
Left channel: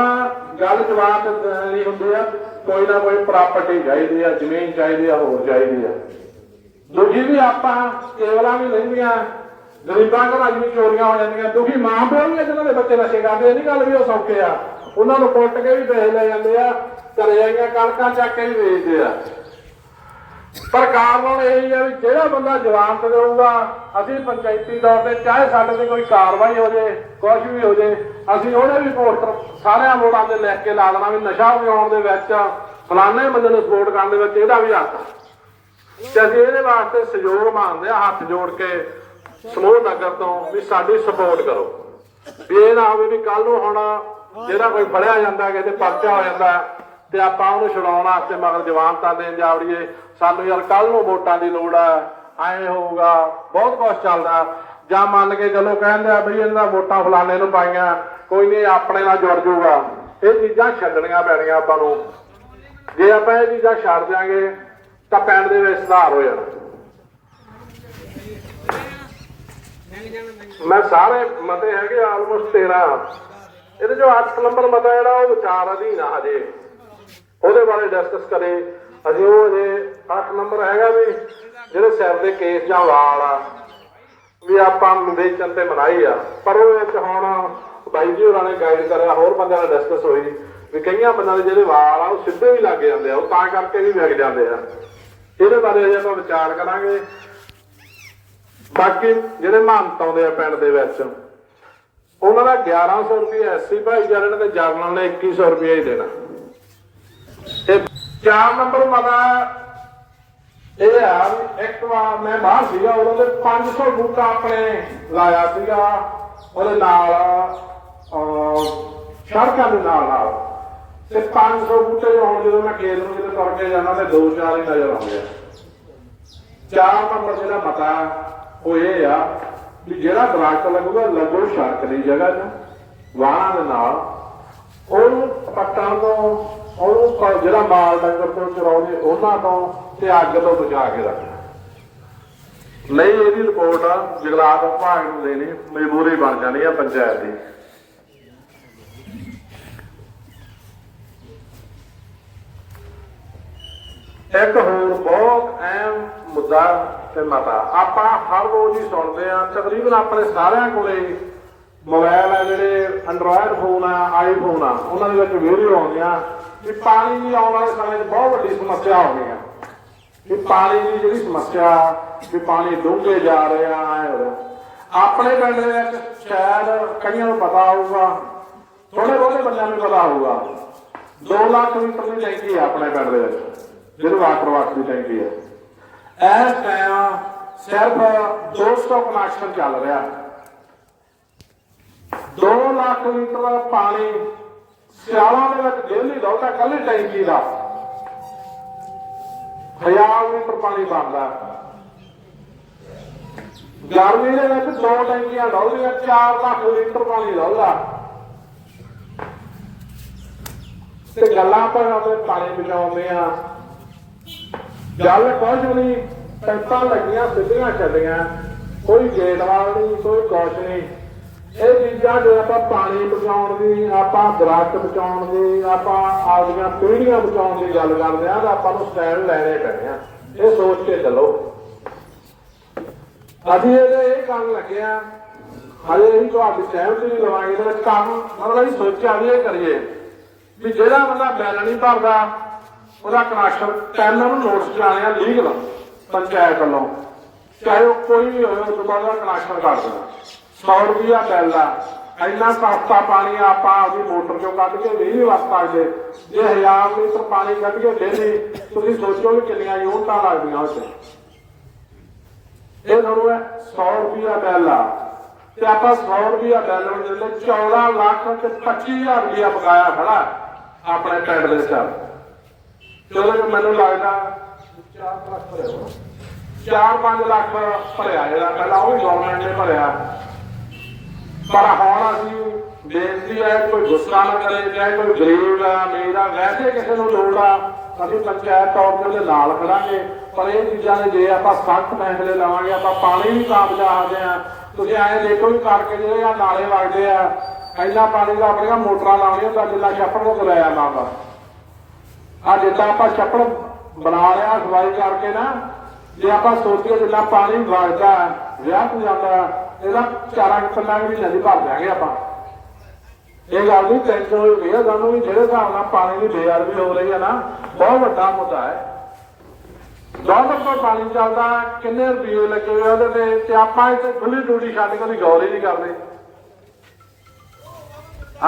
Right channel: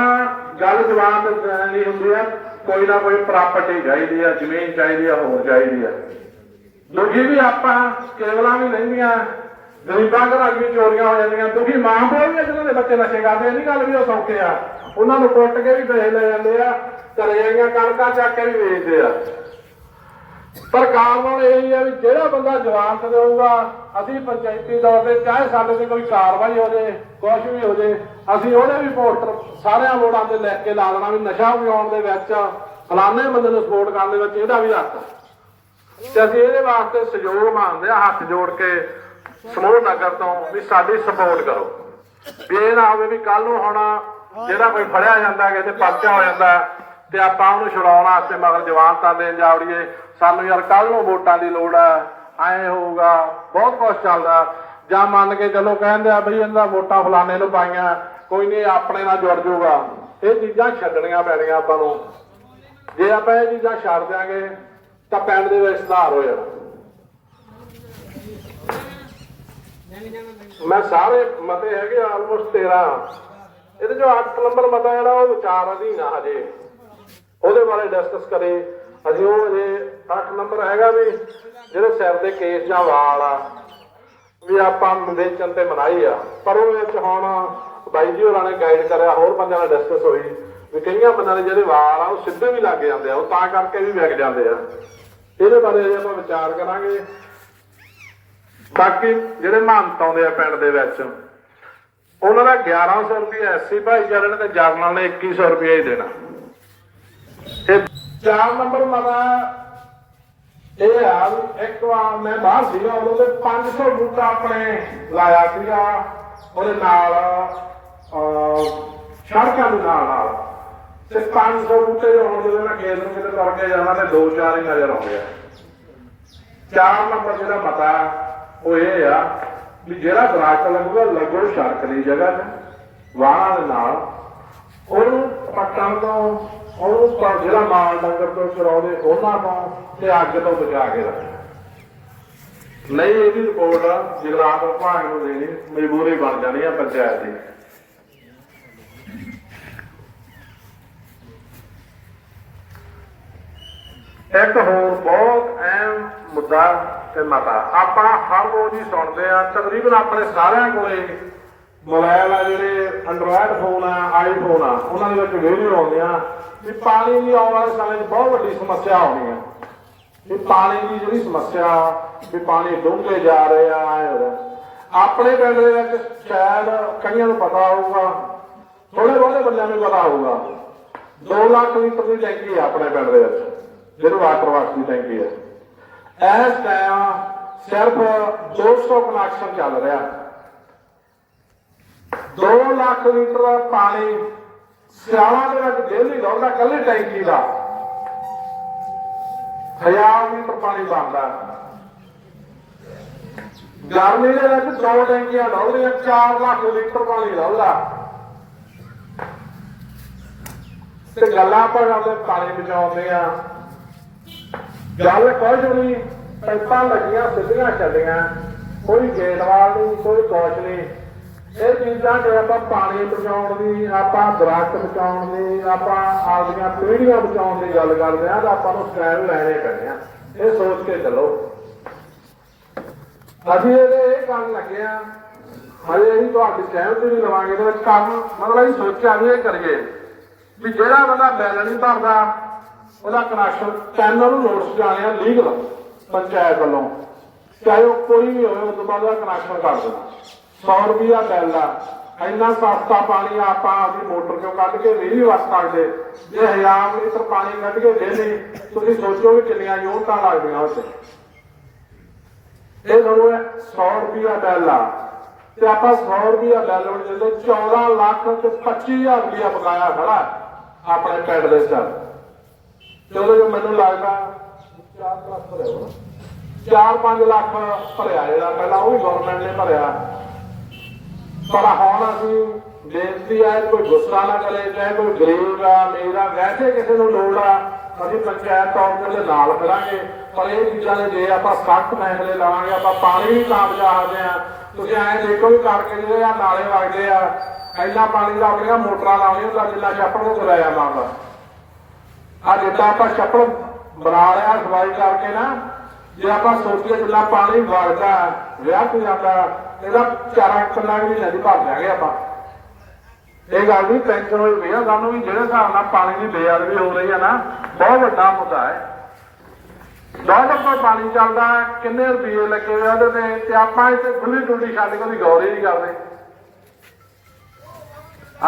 ਗੱਲ ਜਵਾਬ ਨਹੀਂ ਹੁੰਦੀ ਆ, ਕੋਈ ਨਾ ਕੋਈ ਪ੍ਰਾਪਰਟੀ ਚਾਹੀਦੀ ਆ, ਜ਼ਮੀਨ ਚਾਹੀਦੀ ਆ, ਹੋਰ ਚਾਹੀਦੀ ਆ। ਦੁਖੀ ਵੀ ਆਪਾਂ ਕੇਵਲਾਂ ਵੀ ਲੈਂਦੀਆਂ, ਗਰੀਬਾਂ ਘਰਾਂ ਵੀ ਚੋਰੀਆਂ ਹੋ ਜਾਂਦੀਆਂ, ਦੁਖੀ ਮਾਂ ਪਿਓ ਵੀ ਜਿਹਨਾਂ ਦੇ ਬੱਚੇ ਨਸ਼ੇ ਕਰਦੇ ਇਹ ਨਹੀਂ ਗੱਲ ਵੀ ਉਹ ਸੌਖੇ ਆ ਉਹਨਾਂ ਨੂੰ ਕੁੱਟ ਕੇ ਵੀ ਪੈਸੇ ਲੈ ਜਾਂਦੇ ਆ, ਘਰੇ ਆਈਆਂ ਕਣਕਾਂ ਚੱਕ ਕੇ ਵੀ ਵੇਚਦੇ ਆ ਸਰਕਾਰ ਨਾਲ ਇਹ ਆ ਵੀ ਜਿਹੜਾ ਬੰਦਾ ਜਵਾਨਤ ਦੇਊਗਾ ਅਸੀਂ ਪੰਚਾਇਤੀ ਤੌਰ ਤੇ ਚਾਹੇ ਸਾਡੇ ਤੇ ਕੋਈ ਕਾਰਵਾਈ ਹੋ ਜੇ ਕੁਝ ਵੀ ਹੋ ਜੇ, ਅਸੀਂ ਉਹਦੇ ਵੀ ਪੋਸਟਰ ਸਾਰਿਆਂ ਮੋੜਾਂ ਤੇ ਲਿਖ ਕੇ ਲਾ ਦੇਣਾ ਵੀ ਨਸ਼ਾ ਬਣਾਉਣ ਦੇ ਵਿੱਚ, ਫਲਾਣੇ ਬੰਦੇ ਨੂੰ ਸਪੋਰਟ ਕਰਨ ਦੇ ਵਿੱਚ ਇਹਦਾ ਵੀ ਹੱਥ ਆ। ਤੇ ਅਸੀਂ ਇਹਦੇ ਵਾਸਤੇ ਸਹਿਯੋਗ ਮੰਗਦੇ ਆ, ਹੱਥ ਜੋੜ ਕੇ ਸਮੂਹ ਨਗਰ ਤੋਂ ਵੀ ਸਾਡੀ ਸਪੋਰਟ ਕਰੋ। ਵੀ ਇਹ ਨਾ ਹੋਵੇ ਵੀ ਕੱਲ ਨੂੰ ਹੁਣ ਜਿਹੜਾ ਕੋਈ ਫੜਿਆ ਜਾਂਦਾ ਕਿ ਪਰਚਾ ਹੋ ਜਾਂਦਾ, ਤੇ ਆਪਾਂ ਉਹਨੂੰ ਛੁਡਾਉਣ ਵਾਸਤੇ ਮਗਰ ਜਵਾਨਤਾਂ ਦੇਣ ਜਾਵੜੀਏ ਸਾਨੂੰ ਯਾਰ ਕੱਲ ਨੂੰ ਵੋਟਾਂ ਦੀ ਲੋੜ ਆ, ਐ ਹੋਊਗਾ, ਬਹੁਤ ਕੁਝ ਚੱਲਦਾ। ਜਾਂ ਮੰਨ ਕੇ ਚਲੋ ਕਹਿੰਦੇ ਆ ਬਈ ਇਹਨਾਂ ਵੋਟਾਂ ਫਲਾਣੇ ਨੂੰ ਪਾਈਆਂ, ਕੋਈ ਨਹੀਂ, ਆਪਣੇ ਨਾਲ ਜੁੜ ਜਾਊਗਾ। ਇਹ ਚੀਜ਼ਾਂ ਛੱਡਣੀਆਂ ਪੈਣੀਆਂ ਆਪਾਂ ਨੂੰ। ਜੇ ਆਪਾਂ ਇਹ ਚੀਜ਼ਾਂ ਛੱਡ ਦਿਆਂਗੇ ਤਾਂ ਪਿੰਡ ਦੇ ਵਿੱਚ ਸੁਧਾਰ ਹੋ ਜਾਣਾ ਮੈਂ ਸਾਰੇ ਮਤੇ ਹੈਗੇ ਆਲਮੋਸਟ 13 ਇਹਦੇ ਜੋ 8 ਨੰਬਰ ਮਤਾ ਜਿਹੜਾ, ਉਹ ਵਿਚਾਰ ਅਧੀਨ ਆ ਹਜੇ। ਉਹਦੇ ਬਾਰੇ ਡਿਸਕਸ ਕਰੇ। ਅਸੀਂ ਉਹ ਜੇ 8 ਨੰਬਰ ਹੈਗਾ ਵੀ, ਜਿਹੜੇ ਸਿਰ ਦੇ ਕੇਸ ਜਾਂ ਵਾਲ ਆ, ਵੀ ਆਪਾਂ ਵੇਚਣ ਤੇ ਮਨਾਈ ਆ। ਪਰ ਉਹ ਵਿੱਚ ਹੁਣ ਬਾਈ ਜੀ ਹੋਰਾਂ ਨੇ ਗਾਈਡ ਕਰਿਆ, ਹੋਰ ਬੰਦਿਆਂ ਨਾਲ ਡਿਸਕਸ ਹੋਈ। ਵੀ ਕਈਆਂ ਬੰਦਿਆਂ ਦੇ ਜਿਹੜੇ ਵਾਲ ਆ, ਉਹ ਸਿੱਧੇ ਵੀ ਲੱਗ ਜਾਂਦੇ ਆ। ਉਹ ਤਾਂ ਕਰਕੇ ਵੀ ਵਿਕ ਜਾਂਦੇ ਆ। ਇਹਦੇ ਬਾਰੇ ਅਜੇ ਆਪਾਂ ਵਿਚਾਰ ਕਰਾਂਗੇ। ਬਾਕੀ ਜਿਹੜੇ ਮਹੰਤ ਆਉਂਦੇ ਆ ਪਿੰਡ ਦੇ ਵਿੱਚ ਉਹਨਾਂ ਦਾ 1100 ਰੁਪਏ ਐਸਸੀ ਭਾਈਚਾਰੇ ਨੇ ਤੇ ਜਰਨਲ ਨੇ 2100 ਰੁਪਏ ਹੀ ਦੇਣਾ। ਤੇ 4 ਨੰਬਰ ਮਤਾ ਇਹ ਆ ਇੱਕ ਵਾਰ ਮੈਂ ਬਾਹਰ ਸੀਗਾ ਉਦੋਂ ਦੇ 500 ਬੂਟਾ ਆਪਣੇ ਲਾਇਆ ਸੀਗਾ ਉਹਦੇ ਨਾਲ ਅਹ, ਸੜਕਾਂ ਦੇ ਨਾਲ ਨਾਲ ਤੇ 500 ਬੂਟੇ ਹੋਣ ਜਦੋਂ ਮੈਂ ਖੇਤ ਨੂੰ ਕਿਤੇ ਤੁਰ ਕੇ ਜਾਣਾ ਤੇ ਦੋ ਚਾਰ ਹੀ ਨਜ਼ਰ ਆਉਂਦੇ ਆ। ਚਾਰ ਨੰਬਰ ਜਿਹੜਾ ਮਤਾ ਉਹ ਇਹ ਆ ਵੀ ਜਿਹੜਾ ਦਰਖਤ ਲੱਗੂਗਾ, ਲੱਗੋ ਸੜਕ ਦੀ ਜਗ੍ਹਾ ਤੇ ਵਾਹਣਾਂ ਦੇ ਨਾਲ। ਉਹਨੂੰ ਪੱਟਣ ਤੋਂ, ਉਹਨੂੰ ਪ- ਜਿਹੜਾ ਮਾਲ ਡੰਗਰ ਤੋਂ ਚਰਾਉਂਦੇ, ਉਹਨਾਂ ਤੋਂ ਤੇ ਅੱਗ ਤੋਂ ਬਚਾ ਕੇ ਰੱਖਣਾ ਨਹੀਂ ਇਹਦੀ ਰਿਪੋਰਟ ਜਗਲਾਤ ਵਿਭਾਗ ਨੂੰ ਦੇਣੀ, ਮਜਬੂਰੀ ਬਣ ਜਾਣੀ ਆ ਪੰਚਾਇਤ ਦੀ। ਇੱਕ ਹੋਰ ਬਹੁਤ ਅਹਿਮ ਮੁੱਦਾ ਤੇ ਮਤਾ। ਆਪਾਂ ਹਰ ਰੋਜ਼ ਹੀ ਸੁਣਦੇ ਆ ਤਕਰੀਬਨ ਆਪਣੇ ਸਾਰਿਆਂ ਕੋਲੇ ਮੋਬਾਈਲ ਆ ਜਿਹੜੇ ਐਂਡਰੋਇਡ ਫੋਨ ਆ ਆਈਫੋਨ ਆ, ਉਹਨਾਂ ਦੇ ਵਿੱਚ ਵੀਡੀਓ ਆਉਂਦੀਆਂ ਵੀ ਪਾਣੀ ਦੀ ਆਉਣ ਵਾਲੇ ਸਮੇਂ 'ਚ ਬਹੁਤ ਵੱਡੀ ਸਮੱਸਿਆ ਆਉਣੀ ਆ। ਵੀ ਪਾਣੀ ਦੀ ਜਿਹੜੀ ਸਮੱਸਿਆ, ਵੀ ਪਾਣੀ ਡੂੰਘੇ ਜਾ ਰਹੇ ਆ ਆਪਣੇ ਪਿੰਡ ਦੇ ਵਿੱਚ ਸ਼ਾਇਦ ਕਈਆਂ ਨੂੰ ਪਤਾ ਹੋਊਗਾ ਥੋੜੇ ਬਹੁਤੇ ਬੰਦਿਆਂ ਨੂੰ ਪਤਾ ਹੋਊਗਾ। 2 ਲੱਖ ਲੀਟਰ ਦੀ ਟੈਂਕੀ ਆ ਆਪਣੇ ਪਿੰਡ ਦੇ ਵਿੱਚ। ਜਿਹੜੇ ਵਾਟਰ ਦੀ ਟੈਂਕੀ ਹੈ। ਇਸ ਟਾਈਮ ਸਿਰਫ 200 ਕਨੈਕਸ਼ਨ ਚੱਲ ਰਿਹਾ। 2 ਲੱਖ ਲੀਟਰ ਦਾ ਪਾਣੀ, ਸਿਆਲਾਂ ਦੇ ਵਿੱਚ ਡੇਲੀ ਲਾਉਂਦਾ ਕੱਲੀ ਟੈਂਕੀ ਦਾ। ਹਜ਼ਾਰ ਲੀਟਰ ਪਾਣੀ ਬਣਦਾ। ਗਰਮੀ ਦੇ ਵਿੱਚ ਦੋ ਟੈਂਕੀਆਂ ਲਾਉਂਦੀਆਂ 4 ਲੱਖ ਲੀਟਰ ਪਾਣੀ ਲਾਉਂਦਾ। ਤੇ ਗੱਲਾਂ ਪਰ ਉਹਦੇ ਪਾਣੀ ਬਚਾਉਂਦੇ ਆ। ਗੱਲ ਕੁਝ ਵੀ ਨਹੀਂ ਪਾਈਪਾਂ ਲੱਗੀਆਂ, ਸਿੱਧੀਆਂ ਚੱਲੀਆਂ, ਕੋਈ ਗੇਟ ਵਾਲ ਨਹੀਂ, ਕੋਈ ਕੁਛ ਨਹੀਂ। ਇਹ ਚੀਜ਼ਾਂ ਜੇ ਆਪਾਂ ਪਾਣੀ ਬਚਾਉਣ ਦੀ, ਆਪਾਂ ਦਰਖਤ ਬਚਾਉਣ ਦੀ, ਆਪਾਂ ਆਪਦੀਆਂ ਪੀੜ੍ਹੀਆਂ ਬਚਾਉਣ ਦੀ ਗੱਲ ਕਰਦੇ ਆ ਤਾਂ ਆਪਾਂ ਨੂੰ ਸਟੈਂਡ ਲੈਣੇ ਪੈਣੇ ਆ। ਇਹ ਸੋਚ ਕੇ ਚੱਲੋ। ਅਸੀਂ ਇਹਦੇ ਇਹ ਕੰਮ ਲੱਗੇ ਆ। ਹਲੇ ਅਸੀਂ ਤੁਹਾਡੀ ਸਹਿਮਤ ਨਹੀਂ ਲਵਾਂਗੇ ਇਹਦੇ ਕੰਮ ਮਤਲਬ ਅਸੀਂ ਸੋਚਿਆ ਵੀ ਇਹ ਕਰੀਏ, ਵੀ ਜਿਹੜਾ ਬੰਦਾ ਬਿੱਲ ਨਹੀਂ ਭਰਦਾ ਉਹਦਾ ਕਨੈਕਸ਼ਨ ਟੈਨ ਨੂੰ ਨੋਟਿਸ ਕਰਾਣੇ ਲੀਗਲ ਪੰਚਾਇਤ ਵੱਲੋਂ। ਚਾਹੇ ਉਹ ਕੋਈ ਵੀ ਹੋਵੇ, ਉਸ ਤੋਂ ਬਾਅਦ ਕਨੈਕਸ਼ਨ ਕਰ ਦੇਣਾ। 100 ਰੁਪਿਆ ਬਿੱਲ ਆ। ਇੰਨਾ ਸਸਤਾ ਪਾਣੀ ਆਪਾਂ ਆਪਣੀ ਮੋਟਰ ਚੋਂ ਕੱਢ ਕੇ ਨਹੀਂ ਵਰਤ ਸਕਦੇ। ਜੇ ਹਜ਼ਾਰ ਲੀਟਰ ਪਾਣੀ ਕੱਢ ਕੇ ਡੇਲੀ ਤੁਸੀਂ ਸੋਚੋ ਵੀ ਕਿੰਨੀਆਂ ਯੂਨਿਟਾਂ ਲੱਗਦੀਆਂ ਉਹ 'ਚ ਇਹ ਤੁਹਾਨੂੰ 100 ਰੁਪਿਆ ਬਿੱਲ ਆ। ਤੇ ਆਪਾਂ 100 ਰੁਪਿਆ ਬਿੱਲ ਨੂੰ ਦਿੰਦੇ 14 ਲੱਖ ਤੇ 25000 ਰੁਪਿਆ ਪਕਾਇਆ ਖੜਾ ਆਪਣੇ ਪਿੰਡ ਦੇ ਸਰ ਚਲੋ ਮੈਨੂੰ ਲੱਗਦਾ 4-5 ਲੱਖ ਭਰਿਆ ਜਿਹੜਾ ਪਹਿਲਾਂ, ਉਹ ਗਵਰਨਮੈਂਟ ਨੇ ਭਰਿਆ। ਪਰ ਹੁਣ ਅਸੀਂ ਬੇਨਤੀ ਹੈ, ਕੋਈ ਗੁੱਸਾ ਨਾ ਕਰੇ, ਚਾਹੇ ਕੋਈ ਗਰੀਬ ਆ ਮੇਰਾ ਵੈਸੇ ਕਿਸੇ ਨੂੰ ਲੋੜ ਆ, ਅਸੀਂ ਪੰਚਾਇਤ ਤੌਰ ਤੇ ਨਾਲ ਕਰਾਂਗੇ। ਪਰ ਇਹ ਚੀਜ਼ਾਂ ਜੇ ਆਪਾਂ ਸਖਤ ਫੈਸਲੇ ਲਾਵਾਂਗੇ, ਆਪਾਂ ਪਾਣੀ ਵੀ ਕਾਮਯਾਬ ਆ ਤੁਸੀਂ ਐਂ ਦੇਖੋ ਵੀ ਕਰਕੇ ਜਿਹੜੇ ਆ, ਨਾਲੇ ਵਗਦੇ ਆ, ਇੰਨਾ ਪਾਣੀ ਦਾ ਆਪਣੀਆਂ ਮੋਟਰਾਂ ਲਾਉਣੀਆਂ, ਤਾਂ ਜਿੰਨਾ ਛੱਪੜ ਨੂੰ ਚਲਾਇਆ ਜਾਂਦਾ ਆ ਜਿੱਦਾਂ ਆਪਾਂ ਛੱਪੜ ਬਣਾ ਲਿਆ ਸਵਾਈ ਕਰਕੇ ਨਾ। ਜੇ ਆਪਾਂ ਸੋਚੀਏ ਜਿੰਨਾ ਪਾਣੀ ਵਗਦਾ ਵਿਆਹ ਤੋਂ ਜਾਂਦਾ ਇਹਦਾ ਚਾਰਾਂ ਕਿੰਨਾ ਵੀ ਨਦੀ ਭਰ ਦਿਆਂਗੇ ਆਪਾਂ। ਇਹ ਗੱਲ ਨਹੀਂ ਟੈਨਸ਼ਨ ਹੋਈ ਪਈ ਆ, ਸਾਨੂੰ ਵੀ ਜਿਹੜੇ ਹਿਸਾਬ ਨਾਲ ਪਾਣੀ ਦੀ ਬੇਅਦਬੀ ਹੋ ਰਹੀ ਹੈ ਨਾ, ਬਹੁਤ ਵੱਡਾ ਮੁੱਦਾ ਹੈ। ਡਾਲਰ ਤੋਂ ਪਾਣੀ ਚੱਲਦਾ ਕਿੰਨੇ ਰੁਪਏ ਲੱਗੇ ਹੋਏ ਉਹਦੇ ਤੇ ਤੇ ਆਪਾਂ ਇੱਥੇ ਖੁੱਲੀ ਡੁੱਲੀ ਛੱਡ ਕੇ ਵੀ ਗੌਰ ਹੀ ਨਹੀਂ ਕਰਦੇ।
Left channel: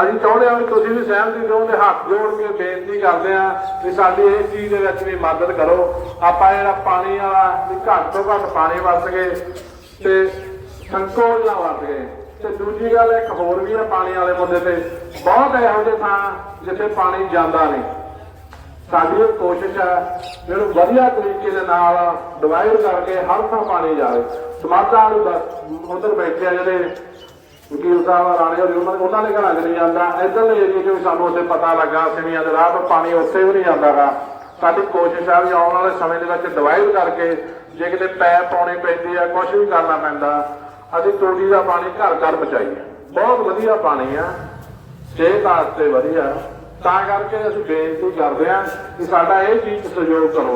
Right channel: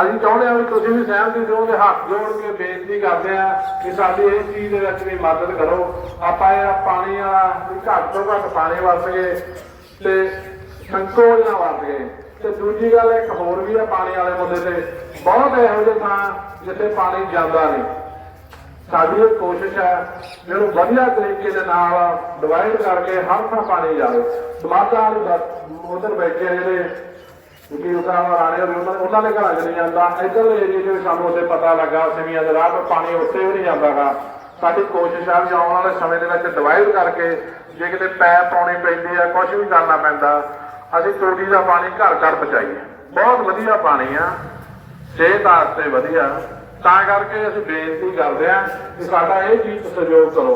ਅਸੀਂ ਚਾਹੁੰਦੇ ਹਾਂ ਕਿ ਤੁਸੀਂ ਵੀ ਸਹਿਮਤੀ ਦਿਓ ਤੇ ਹੱਥ ਜੋੜ ਕੇ ਬੇਨਤੀ ਕਰਦੇ ਆ ਕਿ ਸਾਡੀ ਇਸ ਚੀਜ਼ ਦੇ ਵਿੱਚ ਵੀ ਮਦਦ ਕਰੋ। ਆਪਾਂ ਜਿਹੜਾ ਪਾਣੀ ਵਾਲਾ ਵੀ ਘੱਟ ਤੋਂ ਘੱਟ ਪਾਣੀ ਵਰਤ ਗਏ ਤੇ ਸੰਕੋਚ ਨਾ ਵਰਤ ਗਏ ਤੇ ਦੂਜੀ ਗੱਲ, ਇੱਕ ਹੋਰ ਵੀ ਆ ਪਾਣੀ ਵਾਲੇ ਮੁੱਦੇ ਤੇ। ਬਹੁਤ ਇਹੋ ਜਿਹੇ ਥਾਂ ਜਿੱਥੇ ਪਾਣੀ ਜਾਂਦਾ ਨਹੀਂ। ਸਾਡੀ ਇਹ ਕੋਸ਼ਿਸ਼ ਹੈ ਇਹਨੂੰ ਵਧੀਆ ਤਰੀਕੇ ਦੇ ਨਾਲ ਡਿਵਾਈਡ ਕਰਕੇ ਹਰ ਥਾਂ ਪਾਣੀ ਜਾਵੇ। ਸਮਾਜਾਂ ਵਾਲੀ ਉਧਰ ਬੈਠੇ ਆ ਜਿਹੜੇ ਕਿਉਂਕਿ ਸਾਹਿਬ ਰਾਣੇ ਹੋਵੇ, ਉਹਨਾਂ ਉਹਨਾਂ ਦੇ ਘਰਾਂ 'ਚ ਨਹੀਂ ਜਾਂਦਾ। ਇੱਧਰਲੇ ਏਰੀਏ 'ਚ ਵੀ ਸਾਨੂੰ ਉੱਥੇ ਪਤਾ ਲੱਗਾ ਸਿਵੀਆਂ ਦੇ ਰਾਹ ਤੋਂ ਪਾਣੀ ਉੱਥੇ ਵੀ ਨਹੀਂ ਜਾਂਦਾਗਾ। ਸਾਡੀ ਕੋਸ਼ਿਸ਼ ਆ ਵੀ ਆਉਣ ਵਾਲੇ ਸਮੇਂ ਦੇ ਵਿੱਚ ਡਿਵਾਈਡ ਕਰਕੇ ਜੇ ਕਿਤੇ ਪੈਪ ਪਾਉਣੀ ਪੈਂਦੀ ਆ ਕੁਝ ਵੀ ਕਰਨਾ ਪੈਂਦਾ, ਅਸੀਂ ਟੋਟੀ ਦਾ ਪਾਣੀ ਘਰ ਘਰ ਪਹੁੰਚਾਈਏ ਬਹੁਤ ਵਧੀਆ ਪਾਣੀ ਆ, ਸਿਹਤ ਵਾਸਤੇ ਵਧੀਆ। ਤਾਂ ਕਰਕੇ ਅਸੀਂ ਬੇਨਤੀ ਕਰਦੇ ਹਾਂ ਕਿ ਸਾਡਾ ਇਹ ਚੀਜ਼ ਸਹਿਯੋਗ ਕਰੋ।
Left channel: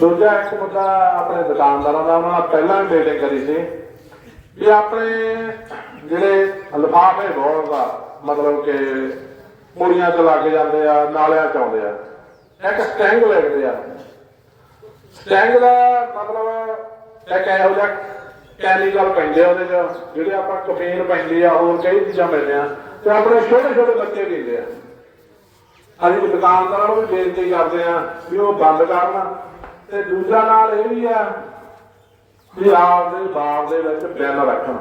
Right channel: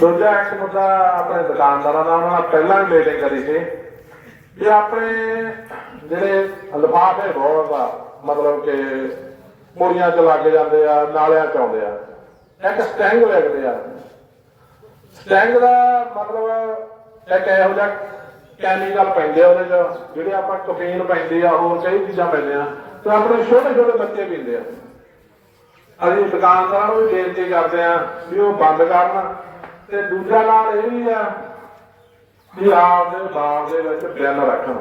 ਦੂਜਾ ਇੱਕ ਮੁੱਦਾ ਆਪਣੇ ਦੁਕਾਨਦਾਰਾਂ ਦਾ, ਉਹਨਾਂ ਪਹਿਲਾਂ ਵੀ ਮੀਟਿੰਗ ਕਰੀ ਸੀ। ਵੀ ਆਪਣੇ ਜਿਹੜੇ ਲਿਫਾਫੇ ਬਹੁਤ ਆ ਮਤਲਬ ਕਿ ਪੂਰੀਆਂ ਤੇ ਲੱਗ ਜਾਂਦੇ ਆ, ਨਾਲਿਆਂ ਚ ਆਉਂਦੇ ਆ। ਇੱਕ ਸਟੈਂਗ ਲੱਗਦੇ ਆ। ਸਟੈਂਗ ਦਾ ਮਤਲਬ ਇੱਕ ਇਹੋ ਜਿਹਾ ਕੈਮੀਕਲ ਪੈਂਦੇ ਆ ਉਹਦੇ ਚ, ਜਿਹੜੇ ਆਪਾਂ ਕਫੀਨ ਪੈਂਦੇ ਆ, ਹੋਰ ਕਈ ਚੀਜ਼ਾਂ ਪੈਂਦੀਆਂ, ਤੇ ਆਪਣੇ ਛੋਟੇ ਛੋਟੇ ਬੱਚੇ ਪੀਂਦੇ ਆ। ਅਸੀਂ ਦੁਕਾਨਦਾਰਾਂ ਨੂੰ ਵੀ ਬੇਨਤੀ ਕਰਦੇ ਆ ਵੀ ਉਹ ਬੰਦ ਕਰਨ। ਤੇ ਦੂਜਾ ਨਾਲ ਇਹ ਵੀ ਆ ਵੀ ਆਪਦੇ ਬਾਪ ਦੇ ਵਿੱਚ ਬਿੱਲ ਰੱਖਣ।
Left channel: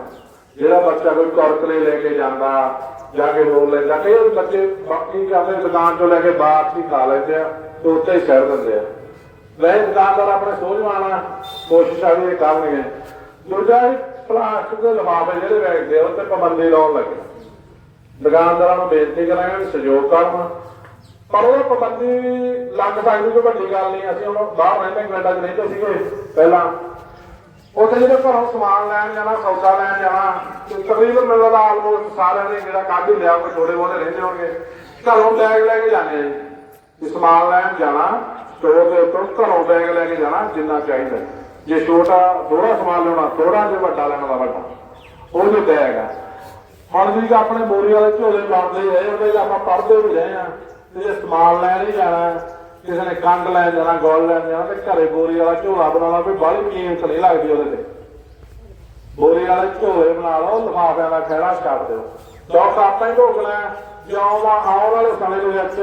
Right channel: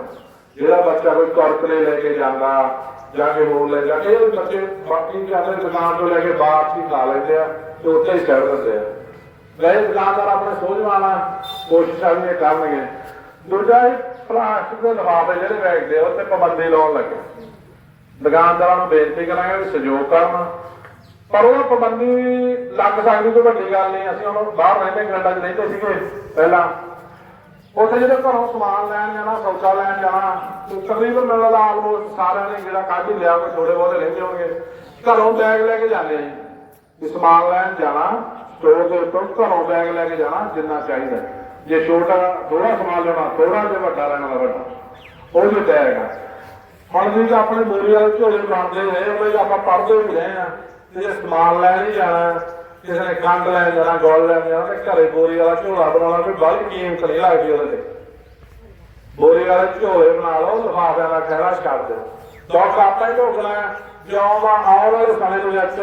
ਜਿਹੜਾ ਬੱਚਾ ਕੋਈ ਕੁਰਕਰੇ ਲੈ ਕੇ ਜਾਂਦਾ, ਜਾ ਕੇ ਹੋਰ ਲੈ ਜਾ ਕਈ ਬੱਚੇ ਬਾਕੀ ਜਾਂਦੇ ਦੁਕਾਨ ਤੋਂ ਲੈ ਕੇ ਬਾਪ ਦੀ ਖਾ ਲੈਂਦੇ ਆ ਤੇ ਉੱਥੇ ਹੀ ਛੱਡ ਦਿੰਦੇ ਆ। ਵੈਸੇ ਦੁਕਾਨਦਾਰ ਆਪਣੇ ਸੋਚ ਵਾਲਾ ਕੋਸ਼ਿਸ਼ਾਂ ਵੀ ਇਹ ਕਰਨਗੇ। ਦੂਜਾ ਇਹ ਪਲਾਸਟਿਕ ਦੇ ਲਿਫਾਫੇ ਜਿਹੜੇ ਵੇਚਦੇ ਆ ਉੱਤੇ ਪਾਬੰਦੀ ਲਾਉਣ ਲੱਗੇ। ਦੁਕਾਨਦਾਰਾਂ ਨੂੰ ਬੇਨਤੀ ਕਰਾਂਗੇ ਵੀ ਸਹਿਯੋਗ ਕਰਨ। ਪਰ ਉਹ ਪਾਬੰਦੀ ਲੱਗ ਸਕਦੀ ਕੋਈ ਵੱਡੀ ਗੱਲ ਨਹੀਂ, ਅਸੀਂ ਹੁਣ ਬਾਹਰ ਰਹਿੰਦੇ ਕੈਨੇਡਾ 'ਚ ਰਹਿੰਦੇ ਸੀਗੇ, ਪਹਿਲਾਂ। ਉੱਥੇ ਜਦੋਂ ਘਰੋਂ ਸਮਾਨ ਲੈਣ ਜਾਣਾ, ਸੌਦਾ ਲੈਣ ਜਾਣਾ ਤਕਰੀਬਨ ਮੈਨੂੰ ਲੱਗਦਾ ਆਲਮੋਸਟ ਸਾਰਿਆਂ ਨੇ ਜਿਹੜਾ ਕੱਢ ਹੀ ਲਿਆ ਕੋਈ ਥੋੜੇ ਬਹੁਤੇ ਰਹਿੰਦੇ ਹੋਣਗੇ। ਘਰੋਂ ਬੈਗ ਲੈ ਕੇ ਜਾਂਦੇ ਆ ਜੇ। ਸਮਾਨ ਲੈਣ ਜਾਣਾ ਸਟੋਰ ਦੇ ਉੱਤੋਂ ਘਰੋਂ ਬੈਗ ਲੈ ਕੇ ਜਾਣਾ, ਜਿੰਨਾ ਚਾਹੀਦਾ। ਜੇ ਛੋਟਾ ਥੋੜਾ ਸਮਾਨ ਲੈਣਾ ਥੋੜਾ ਜੇ ਵੱਡਾ ਲੈਣਾ ਤਾਂ ਵੱਡਾ, ਉਹ ਵੀ ਬੈਗ ਆ। ਹੁਣ ਵੀ ਆਪਣੇ ਬੋਰੀ ਵਾਲੇ ਝੋਲੇ ਬਣਦੇ ਰਹੇ, ਉਹਦੇ ਆਪਾਂ ਪੜਦੇ ਵੀ ਰਹੇ ਨਾ ਤੇ ਜੇ ਸਮਾਨ ਲੈਣ ਹੀ ਜਾਣਾ। ਕਿਸੇ ਨੇ ਕੰਡ ਲੈਣ ਜਾਣਾ, ਗੋਲ ਲੈਣ ਜਾਣਾ, ਤੇ ਘਰੇ ਬੋਰੀ ਵਾਲਾ ਝੋਲਾ ਬਣਾਉਣਾ, ਕੋਈ ਬਾਹਲੀ ਕੀਮਤ ਨਹੀਂ ਲੱਗਦੀ ਉਹਦੇ ਤੇ। ਬੋਰੀ ਵਾਲੇ ਝੋਲੇ ਬਣਾ ਲਓ, ਲਿਫਾਫਿਆਂ ਦਾ ਖਹਿੜਾ ਛੱਡ ਦਿਓ। ਦੁੱਖ ਆਪਾਂ ਹੀ ਭੋਗਣਾ ਹੈ। ਜੋ ਆਉਣ ਵਾਲੇ ਸਮੇਂ ਦੇ ਵਿੱਚ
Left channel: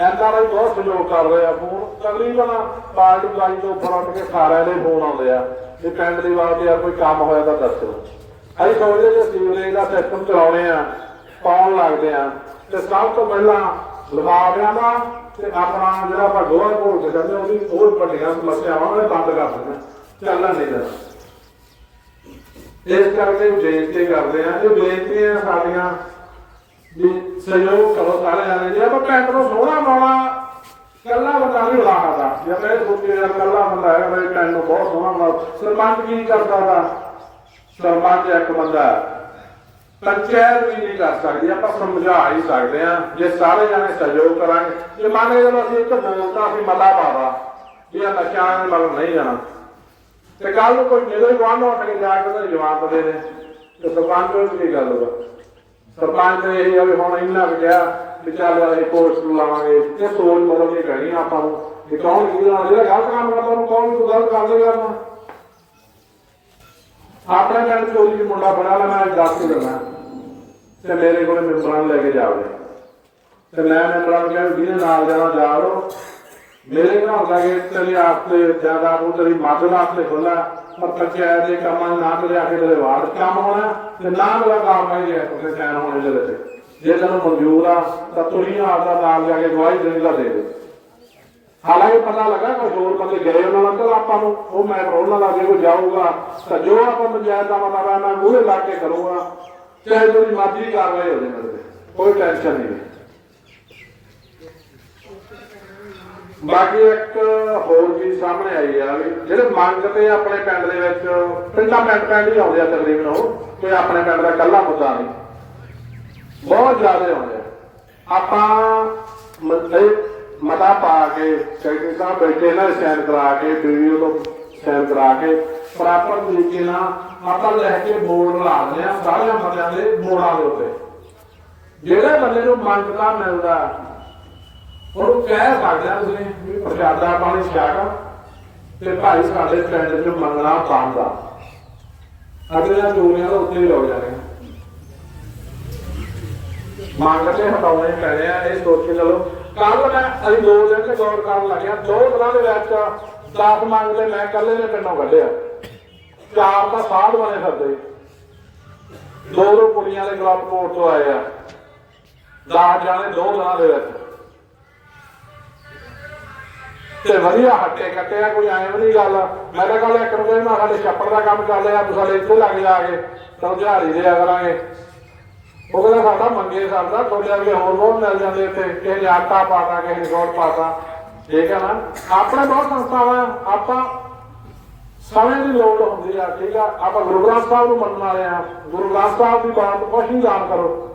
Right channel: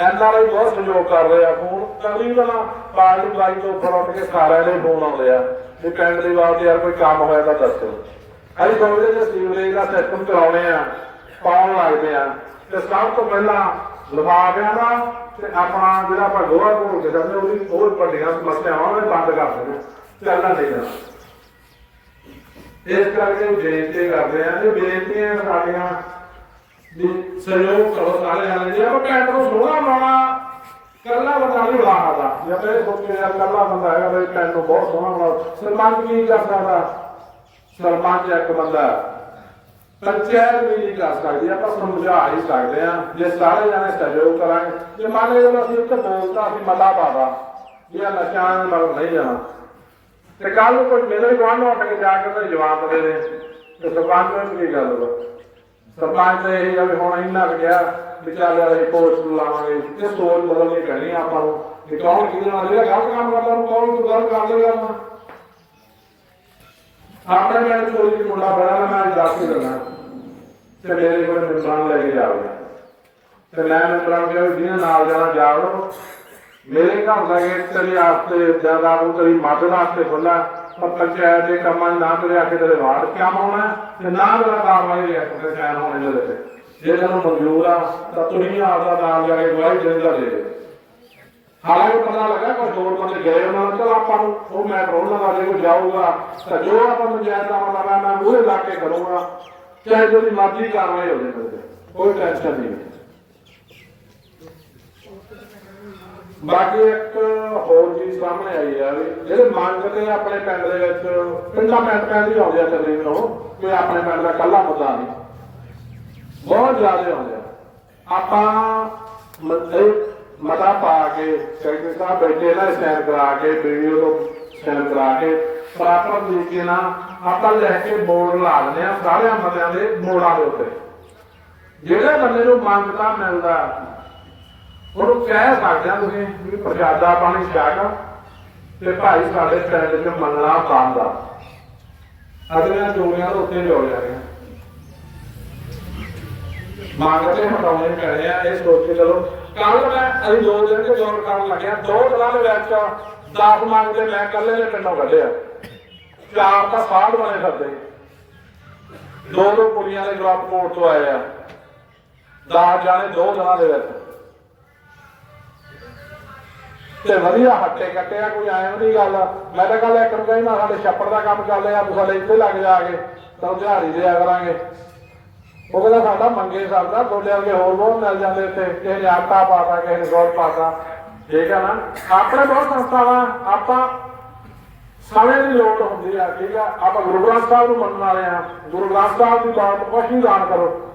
ਐਨਆਰਆਈ ਬਹੁਤ ਸਹਿਯੋਗ ਕਰ ਰਹੇ। ਆ ਫੋਨ ਤਕਰੀਬਨ ਪਾਰਟੀ ਬਾਈ ਤੋਂ ਫਰੰਟ ਕੇ ਸਾਰਿਆਂ ਦੇ ਫੋਨ ਆਉਂਦੇ ਆ। ਵੀ ਪਿੰਡ ਦੀ ਬਾਤ ਯਾਰ ਕੋਈ ਕੰਮ ਹੋਇਆ ਤਾਂ ਦੱਸੋ। ਅਸੀਂ ਸੋਚਦੇ ਜੇ ਸੀਵਰੇਜ ਦਾ ਸਿਸਟਮ ਚਲਾਉਣੇ ਆ, ਪਾਉਣ ਲੱਗਦੇ ਆ। ਤੇ ਸਭ ਤੋਂ ਪਹਿਲਾਂ ਲਿਫਾਫਿਆਂ ਦਾ ਤੇ ਆਪਣਾ ਜਿਹੜਾ ਆਪਾਂ ਗੋਹਾ ਘੋਲ ਕੇ ਜਾਂਦੇ ਉਹਦੀ ਹੋਰ ਵੱਡੀਆਂ ਸਮੱਸਿਆਵਾਂ ਉਹਨੇ ਬੰਦ ਕਰ ਦੇਣਾ ਚੱਲਣਾ ਨਹੀਂ ਕਰਨਾ ਇਸ ਕਰਕੇ ਉਹ ਬੇਨਤੀ ਕਰਦੇ ਆ, ਜੋ ਬੇਨਤੀਆਂ ਸਾਡੀਆਂ, ਵੀ ਸਹਿਯੋਗ ਕਰੋ ਸਾਰੇ ਜਣੇ। ਜੇ ਆਪਾਂ ਪਿੰਡ ਨੂੰ ਸੋਹਣਾ ਬਣਾਉਣਾ ਕੱਲਾ ਬੰਦਾ ਨਹੀਂ ਬਣਾ ਸਕਦਾ। ਜੇ ਮੈਂ ਸੋਚੀ ਯਾਰ ਕੱਲਾ ਬੰਦਾ ਹੈ ਮੇਰੇ ਪਿੰਡ ਨੂੰ ਬਹੁਤ ਸੋਹਣਾ ਬਣਾ ਸਰਪੰਚ ਕੀ ਕਰ ਸਕਦਾ ਸਰਪੰਚ ਇੱਕ ਬੰਦਾ ਪੰਚਾਇਤ ਵੀ ਨਹੀਂ ਕਰ ਸਕਦੀ, ਆਪਾਂ ਸਮਝਾ ਹੀ ਸਕਦੇ ਆ ਜੇ ਸਾਰੇ ਜਾਣੇ ਸਹਿਯੋਗ ਕਰਾਂਗੇ, ਜੇ ਮੰਨ ਲਓ ਜਦੋਂ ਅਸੀਂ ਇੱਕ ਬੋਲਤਾ ਅਸੀਂ ਮਤਾ ਪਾਵਾ ਜੇ ਆਹ ਨਸ਼ਿਆਂ ਨਾਲ ਨਹੀਂ ਜਾਣਾ ਤੇ ਕੱਲ ਨੂੰ ਕੋਈ ਮੇਰੇ ਗੁਆਂਢ ਉੱਠ ਕੇ ਜਾ ਕੇ ਉਹਦਾ ਜਵਾਬ ਦੇ ਦੇ। ਤੇ ਸਰਪੰਚ ਨੂੰ ਕੀ ਗੱਲ ਹੋਵੇ ਸਰਪੰਚ ਨੇ ਇਹ ਆ ਵੀ ਹੁਣ ਇੰਨਾ ਕੁ ਕਿਹਾ ਵੀ ਚੱਲ ਅਸੀਂ ਕੋਰਸ ਲਾਵਾਂਗੇ। ਇਹ ਸੋਚ ਬਦਲਣੀ ਪੈਣੀ ਆਪਾਂ ਨੂੰ। ਕਿ ਕੌਣ ਕੀ ਨਾਲ ਜਿਹੜਾ ਗਲਤ ਕੰਮ ਕਰਦਾ ਨੂੰ ਕੌਣ ਨੂੰ ਗਲਤ ਕਰ ਦੇਗਾ ਨਾ ਆਪਣੇ ਪਿੰਡ ਕੋਈ ਵੀ ਮੁੰਡਾ ਬੜਾ ਨਾ ਮੈਂ ਦੱਸ ਕੇ ਦਿੰਦਾ। ਤੇ ਮੇਰੇ ਕੋਲ ਮਿੰਬਰਾਂ ਲੈ ਕੇ ਜਾਵੇ ਤੇ ਮੈਂ ਮਿੰਬਰਾਂ ਕਿਹਾ ਵੀ ਨਾਲ ਜਾਣਾ ਜਾਵੜੋ ਮੇਰੇ ਘਰ ਦਾ ਗੇਟ ਤੇਰੇ ਆਸਤੇ ਜ਼ਿਆਦਾ ਉਹ ਤੇਰੀ ਮਦਦ ਵਾਸਤੇ ਖੁੱਲਾ ਪਰ ਪੰਚਾਇਤ ਦੇ ਕੰਮਾਂ ਨਾ ਤੇਰੇ ਆਖੇ ਤੇਰੇ ਵਾਰਡ ਕੰਮ ਹੋਣਾ ਤੇ ਨਾ ਤੇਰਾ ਕਾਰਵਾਈ ਦੇ ਤੇ ਚੈਨ ਹੋਣੇ ਦੇ ਵਿੱਚ। ਜੇ ਤੈਨੂੰ ਮਨਜ਼ੂਰ ਆ, ਤਾਂ ਤੁਸੀਂ ਆਪਦਾ ਨਾਲ ਜਾ ਕੇ ਗਵਾਹੀ ਦੇਣ ਦਾ ਦੇ ਦੇ। ਹਾਲਾਂਕਿ ਪਤਾ ਲੱਗਾ ਕਿ ਹੋਰ ਬੰਦੇ ਗਏ ਉਹਨਾਂ ਨਾਲ ਆਪਾਂ ਨੂੰ ਉਹ ਮੈਂ ਉਹਨਾਂ ਦਾ ਜੇ ਕੋਈ ਜਾਊਗਾ, ਤਾਂ ਜੋ ਆਪਾਂ ਪੰਚਾਇਤ ਦਾ ਮਤਲਬ ਮੂਹਰੇ ਲਾ ਕੇ ਕਰੂਗਾ। ਚਾਹੇ ਉਹਦੀ ਮਰਜ਼ੀ ਕਾਰਵਾਈ ਹੋ ਜਾਵੇ ਕੋਈ ਟੈਨਸ਼ਨ ਨਹੀਂ ਬਾਕੀ ਇੱਕ ਹੋਰ ਚੀਜ਼ ਸਾਹਮਣੇ ਆਈ ਆ ਵੀ ਜਿਹੜੇ ਮੰਗਦੇ ਆ ਆਪਣੇ ਪਿੰਡ ਦੇ ਵਿੱਚ, ਪਿੰਡਾਂ ਪਿੰਡ ਪਿੰਡ ਹੀ ਆਉਂਦੇ ਆ ਤਕਰੀਬਨ ਉਹ, ਤੇ ਆਪਣੇ ਪਿੰਡ ਦਾ ਕੱਲਾ ਮੁੱਦਾ ਨਹੀਂ। ਬਹੁਤ ਜ਼ਿਆਦਾ ਆਉਂਦੇ ਆ। ਆਪਾਂ ਮਤੇ ਮਤਾ ਪਾ ਕੇ ਸੈਕਟਰੀ ਸਾਹਿਬ ਬੈਠੇ ਨੇ ਸਾਈਨ ਕਰਾ ਕੇ ਵੀਡੀਓ ਤੋਂ ਸਾਈਨ ਕਰਾ ਕੇ ਪ੍ਰਾਪਰ ਤਰੀਕੇ ਨਾਲ ਆਪਾਂ ਲੈ ਕੇ ਬੋਰਡ ਲਾ ਦਿੰਦੇ ਆ ਸਾਰਿਆਂ ਮਤਿਆਂ ਦੇ ਮੋੜਾਂ ਦੇ ਉੱਤੇ। ਜਿਹੜੇ ਬੰਦੇ ਨੂੰ ਮੰਗਤਾ ਮਿਲਦਾ, ਉਹਨੂੰ ਕਹਿ ਸਕਦੇ ਆ ਤੁਸੀਂ ਵੀ ਪ੍ਰਸ਼ਾਦਾ ਪਾਣੀ ਛਕਾ ਤੇ ਭਾਈ ਸਾਡੇ ਪਿੰਡ 'ਚ ਮੰਗਣਾ ਕੰਮ ਦਾ। ਅਗਲੀਆਂ ਚੋਰੀਆਂ ਤਾਂ ਉੱਥੇ ਹੀ ਹੋ ਜਾਣੀਆਂ ਮੰਗਤੇ ਹਟਾਉਣੇ ਪੈਣੇ ਆ, ਇਹ ਸੋਚ ਕੇ ਚਲੋ। ਕੱਲ ਮੈਂ ਅਸੀਂ ਦੋ ਲੈ ਕੇ ਗੌਰ ਕਰਨ ਲੱਗਿਆ, ਦੋ ਦਿਨਾਂ ਦੇ ਵਿੱਚ 10 ਮੰਗਦੇ ਮੈਂ ਕੱਲੇ ਨੇ ਪਿੰਡੋਂ ਕੱਢਿਆ ਚਾਰ ਤਾਂ ਸਾਧ ਵਾਲੇ ਫਿਰਦੇ। ਦੋ ਦੋ ਕੁੜੀਆਂ ਦੇ ਗਲਤ ਕੋਟ ਤੋਂ ਆਏ ਆ। 10 ਜਾਣੇ ਦੋ ਦਿਨਾਂ ਦੇ ਵਿੱਚ। ਤੇ ਵਧੀਆ ਹੱਟੇ ਕੱਟੇ ਆ, ਕੋਈ ਐਵੇਂ ਨਹੀਂ ਗੱਲ। ਮੈਂ ਤਾਂ ਗੱਲ ਇੱਕ ਨੂੰ ਨਾ ਸਾਡੇ ਛੱਪੜ ਦਾ ਕੰਮ ਕਰ ਲਿਆ ਤੂੰ ਸਾਡੇ ਇੱਥੇ ਲੱਗ ਜਾ ਕੇ ਤਾਂ ਦਿਹਾੜੀ ਦੇ ਕਰਾਂਗੇ। ਉਹ ਕਹਿੰਦਾ ਸਾਡਾ ਮੰਗੇ ਕਰਦਾ ਗੋਲਿਆਂ ਦੇ ਹੋਰ ਬਹੁਤ ਮਿਲ ਜਾਂਦੇ ਇੱਥੇ, ਕਿਸੇ ਨੇ ਆਟਾ ਪਾਤਾ, ਕਿਸੇ ਨੇ ਗੋਲ ਪਾਤਾ। ਠੀਕ ਹੈ ਨਾ? ਆਪਣੇ ਬਹੁਤ ਸੰਸਥਾਵਾਂ ਆਪਾਂ ਸਮੇਂ ਦੀ ਲੋੜ ਹੁੰਦੀ ਆ ਠੀਕ ਆ? ਆਪਾਂ ਗੁਰੂ ਗ੍ਰੰਥ ਸਾਹਿਬ ਨੂੰ ਮੰਨਣ ਵਾਲੇ ਆ ਗੁਰੂ ਗ੍ਰੰਥ ਸਾਹਿਬ ਦੀ ਬਾਤ ਕੁਛ ਨਹੀਂ ਦਾਨ ਕਰੋ।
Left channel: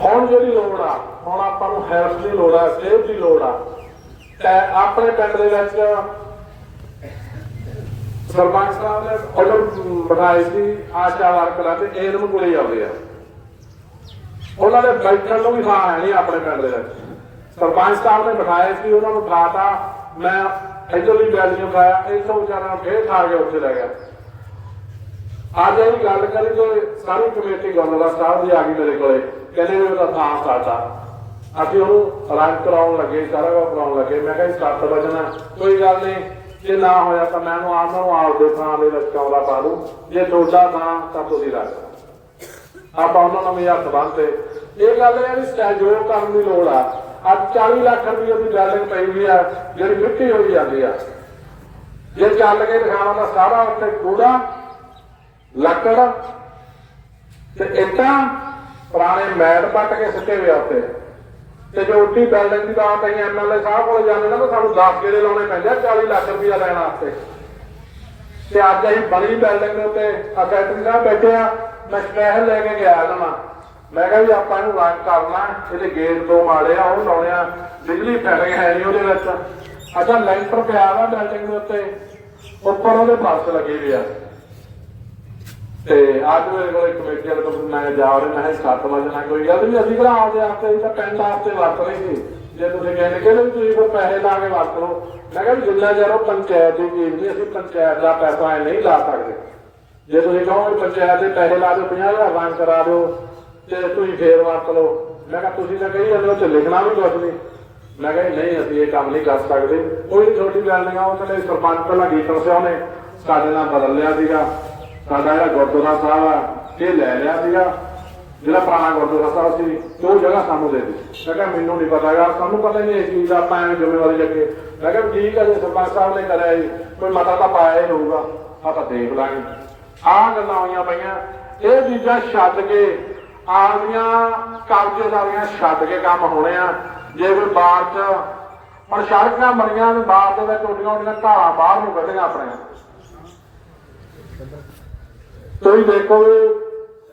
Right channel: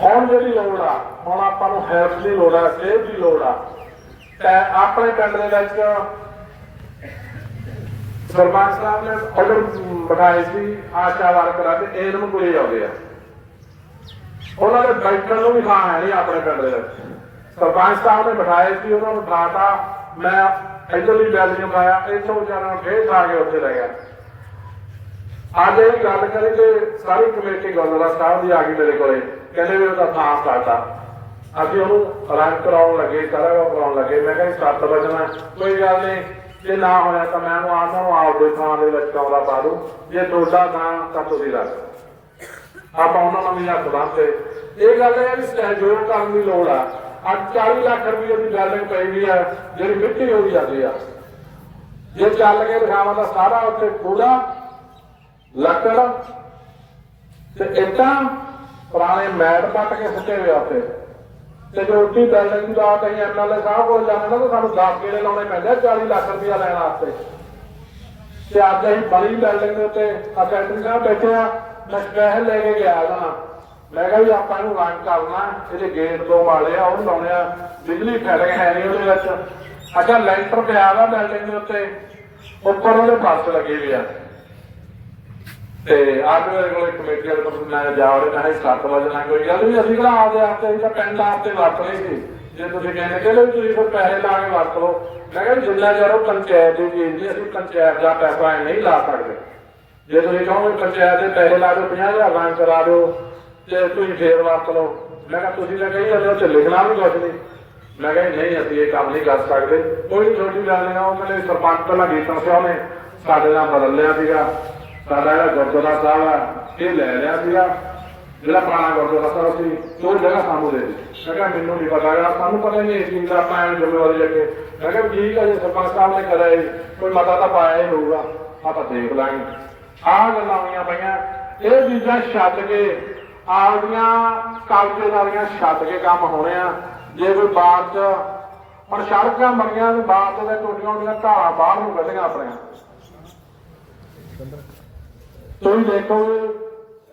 ਹੁਣ ਜਿਹੜੀ ਲੋੜ ਆ, ਹੁਣ ਆਪਾਂ ਨੂੰ ਹੈਲਥ ਦੀ ਲੋੜ ਆ ਸਿਹਤ ਦੀ ਲੋੜ ਆ। ਤੇ ਆਪਣੇ ਪਿੰਡ ਦੇ ਵਿੱਚ ਸਰਪੰਚ ਸਾਹਿਬ ਨੇ ਆਰਡਰ ਬਣਾਈ ਸੀ, ਆਸ਼ਾ ਵਰਕਰਾਂ ਤੇ ਇਹ ਨੂੰ ਕੋਲੇ ਆਉਂਦੇ ਆ। ਉਹਨਾਂ ਦੇ ਬੈਠਣ ਨੂੰ ਵੀ ਥਾਂ ਹੈ ਨਹੀਂ ਆਪਣੇ ਪਿੰਡ ਦੇ ਵਿੱਚ। ਸਰਪੰਚ ਸਾਹਿਬ ਨੇ ਬਿਠਾਏ ਸੀ, ਉਹਨਾਂ ਨੂੰ ਬੁਲਾਤਾ। ਮੈਂ ਇੱਧਰਲੀ ਬੈਲੀਆਂ ਪਾਇਆ ਇੱਥੋਂ ਵਿਚਾਰਾ ਫੇਰ ਖਾ ਕੇ ਉੱਥੇ ਲੈ ਗਿਆ। ਅੱਜ ਇਹ ਗੱਲ ਕਰੀ ਤੇ ਸਾਰੀ ਕਮੇਟੀ ਗੁਰਦੁਆਰਾ ਸਾਹਿਬ ਦੀ ਆ ਗਈ ਮੇਰੇ ਕੋਲੇ। ਕਹਿੰਦੇ ਵੀ ਉਹਦਾ ਥਾਂ ਸਾਡਾ। ਅਸੀਂ ਉਹਨੂੰ ਰੰਗ ਕਰਾਉਣ ਲੱਗੇ ਸਾਰਾ ਕਰਾਉਣ ਲੱਗੇ। ਮੈਂ ਕਿਹਾ ਸੱਤ ਵਜਣਾ ਕੋਈ ਗੱਲ ਨਹੀਂ। ਜੇ ਨਾ ਹੋਇਆ ਤਾਂ ਮੈਂ ਉਹਨੂੰ ਆਪ ਨੂੰ ਆਪਦੇ ਥਾਂ ਦੇ ਵਿੱਚ ਪਾ ਦੂੰ। ਜੇ ਤੁਹਾਡਾ ਨਾ ਤਾਂ ਤੁਸੀਂ ਲੱਗ ਆਪਾਂ ਉਹਨਾਂ ਨੂੰ ਹੱਥ ਬੰਨ੍ਹਦੇ ਇਹ ਗੱਲ ਹੈ ਵੀ ਸਹਿਯੋਗ ਕਰਨ ਦੀ ਲੋੜ ਆ। ਅੱਜ 40 ਲੱਖ ਰੁਪਏ ਦੀ ਬਿਲਡਿੰਗ ਪਈ ਹੋਈ ਆ, ਜਿਹੜੀ ਮਿੱਟੀ ਹੋਈ ਜਾਂਦੀ ਆ। ਜੇ ਚੱਲ ਕੇ ਦਿਖਾਵਾਂ ਤਾਂ ਸਾਰਾ ਉੱਤੇ ਕੂੜਾ, ਲੱਕੜ ਤੇ ਇੱਟਾਂ, ਪੁਰਾਣੇ ਮੈਟ ਪੱਟ ਕੇ ਸੁੱਟੇ ਹੋਏ ਉੱਤੇ ਤੇ ਜੋ ਉੱਡੀ ਬਿਲਡਿੰਗ ਦੀ ਬਾਤ ਅਸੀਂ ਐਮਐਲਏ ਸਾਹਿਬ ਕੋਲ ਜਾਂਦੇ ਨਾ, ਤਾਂ ਸਾਨੂੰ 10 ਗੇੜੇ ਲਾਉਣੇ ਪੈਂਦੇ ਆ 40 ਲੱਖ ਰੁਪਇਆ ਲੈਣ ਵਾਸਤੇ। ਤੇ ਅੱਜ ਅਸੀਂ ਬੜੀ ਬਿਲਡਿੰਗ ਦੇ ਉੱਤੇ ਆ ਸਾਹਿਬ ਬੈਠੇ ਆ, ਮੈਂ ਸਪੈਸ਼ਲ ਲੈ ਕੇ ਗਿਆ ਇਹਨਾਂ ਮੈਂ ਕਿਹਾ ਵੀ ਆਪਾਂ ਇਹਨੂੰ ਰੰਗ ਕਰਨਾ, ਇਹਦੇ ਗੇਟ ਦੋ ਮਾੜੇ ਆ ਉਹ ਲਾਉਣੇ ਬਿਜਲੀ ਫੈਲ ਹੈ ਨਹੀਂ ਉਹਦੇ ਵਿੱਚ। ਅੱਛਾ ਲੈਂਟਰ ਪਿਆ ਵਾ ਬਿਲਡਿੰਗ ਦੇ ਉੱਤੇ। ਉੱਪਰ ਉਹਦੇ ਪਾਸ ਲੱਗੇ ਹੋਏ ਆ। ਤੇ ਅੱਜ ਮੇਰੇ ਕੋਲ ਕਮੇਟੀ ਵਾਲੇ ਤੋਂ ਮੈਂ ਜਾ ਰਿਹਾ, ਮੈਂ ਸੱਤ ਵਜੇ ਨਾਲ ਕੋਈ ਗੱਲ ਨਹੀਂ, ਅਸੀਂ ਕਿਹੜਾ ਆਪਦੇ ਵਾਸਤੇ ਅਸੀਂ ਤਾਂ ਪਿੰਡ ਵਾਸਤੇ ਵਰਤ ਰਹੇ ਸੀ। ਜੇ ਤੁਸੀਂ ਕਹਿੰਦੇ ਕਿਹੜੇ ਤੁਸੀਂ ਫਿਰ ਪੈਸੇ ਲਾ ਕੇ ਵਰਤ ਲਓ। ਮੈਂ ਕਿਹਾ ਵੀ ਜਿੰਨਾ ਚਿਰ ਉਹ ਪੰਚਾਇਤ ਦੀ ਚੀਜ਼ ਨਹੀਂ, ਅਸੀਂ ਪੰਚਾਇਤ ਦਾ ਪੈਸਾ ਐ ਨਹੀਂ ਲਾ ਸਕਦੇ। ਜੇ ਤੁਸੀਂ ਕਹੋ ਪੰਚਾਇਤ ਦੇ ਪੈਸੇ ਲਾ ਦਿਓ 50000 ਰੰਗ ਕਰਾ ਦਿਓ। ਤੇ ਤੁਸੀਂ ਫੇਰ ਵਰਤ ਲਓ ਮੈਂ ਕਿਹਾ, ਤੁਸੀਂ ਤਾਂ ਕਹੀ ਜਾਂਦੇ ਹੋ ਤੇ ਲਿਖਣਾ ਵੀ ਕੁਛ ਨਹੀਂ ਮੈਂ ਕਿਹਾ, ਨਹੀਂ, ਅਸੀਂ ਇਹ ਕੰਮ ਨਹੀਂ ਕਰ ਸਕਦੇ। ਕੋਈ ਛੋਟੀ ਗੱਲ ਨਹੀਂ ਉਹ ਮੇਰੇ ਸਰਪੰਚ ਪਹਿਲਾਂ ਗੀਤਾਂ ਸਿਆ ਉਹਨੇ। ਸਾਡੇ ਨਾਲ ਬਦਲ ਲਿਆ ਸੀਗਾ। ਸਾਡਾ ਜਿਹੜਾ ਗੁਰਦੁਆਰਾ ਸਾਹਿਬ ਆ, ਇਹ ਲੈ ਲਿਆ ਸੀਗਾ। ਜਿਹੜਾ ਪੁਰਾਣਾ ਗੁਰਦੁਆਰਾ ਸਾਹਿਬ ਸੀ, ਉਹ ਜਗ੍ਹਾ ਸਾਨੂੰ ਦੇ ਦਿੱਤੀ। ਮੈਂ ਕਿਹਾ, ਮੈਨੂੰ ਨਹੀਂ ਪਤਾ ਯਾਰ ਸਾਨੂੰ ਪਤਾ ਹੀ ਨਹੀਂ ਇਸ ਚੀਜ਼ ਦਾ, ਆਪਾਂ ਐਵੇਂ ਜ਼ਿੰਮੇਵਾਰੀ ਲੈ ਮੈਂ ਕਿਹਾ ਠੀਕ ਆ, ਜੇ ਸਰਪੰਚ ਸਾਹਿਬ ਨੇ ਕਰਿਆ ਜੀ, ਕੋਈ ਮਤਾ ਤਾਂ ਪਾਇਆ ਹੀ ਹੋਊਗਾ। ਆਪਾਂ ਦੇਖ ਲਾਂਗੇ। ਆਹ ਗੱਲਾਂ ਹੋਈਆਂ ਪਈਆਂ। ਇਹ ਚੀਜ਼ਾਂ ਛੱਡ ਕੇ ਆਪਦੀਆਂ ਕਬਜ਼ੇਦਾਰੀਆਂ ਛੱਡ ਕੇ ਕੰਮ ਹੋਣੇ ਆ। ਜੇ ਕੋਈ ਬਾਹਰ ਚ ਹੁਣ ਸੜਕਾਂ ਬਣੀਆਂ ਤੇ ਬਾਹਰ ਦੇ ਵਿੱਚ ਉੱਡੀਆਂ ਉੱਡੀਆਂ ਧਾਰਾਂ ਬਾਹਰ ਨੂੰ ਕੱਢੀਆਂ ਆਪਣੇ। ਤੁਸੀਂ ਦੇਖੋ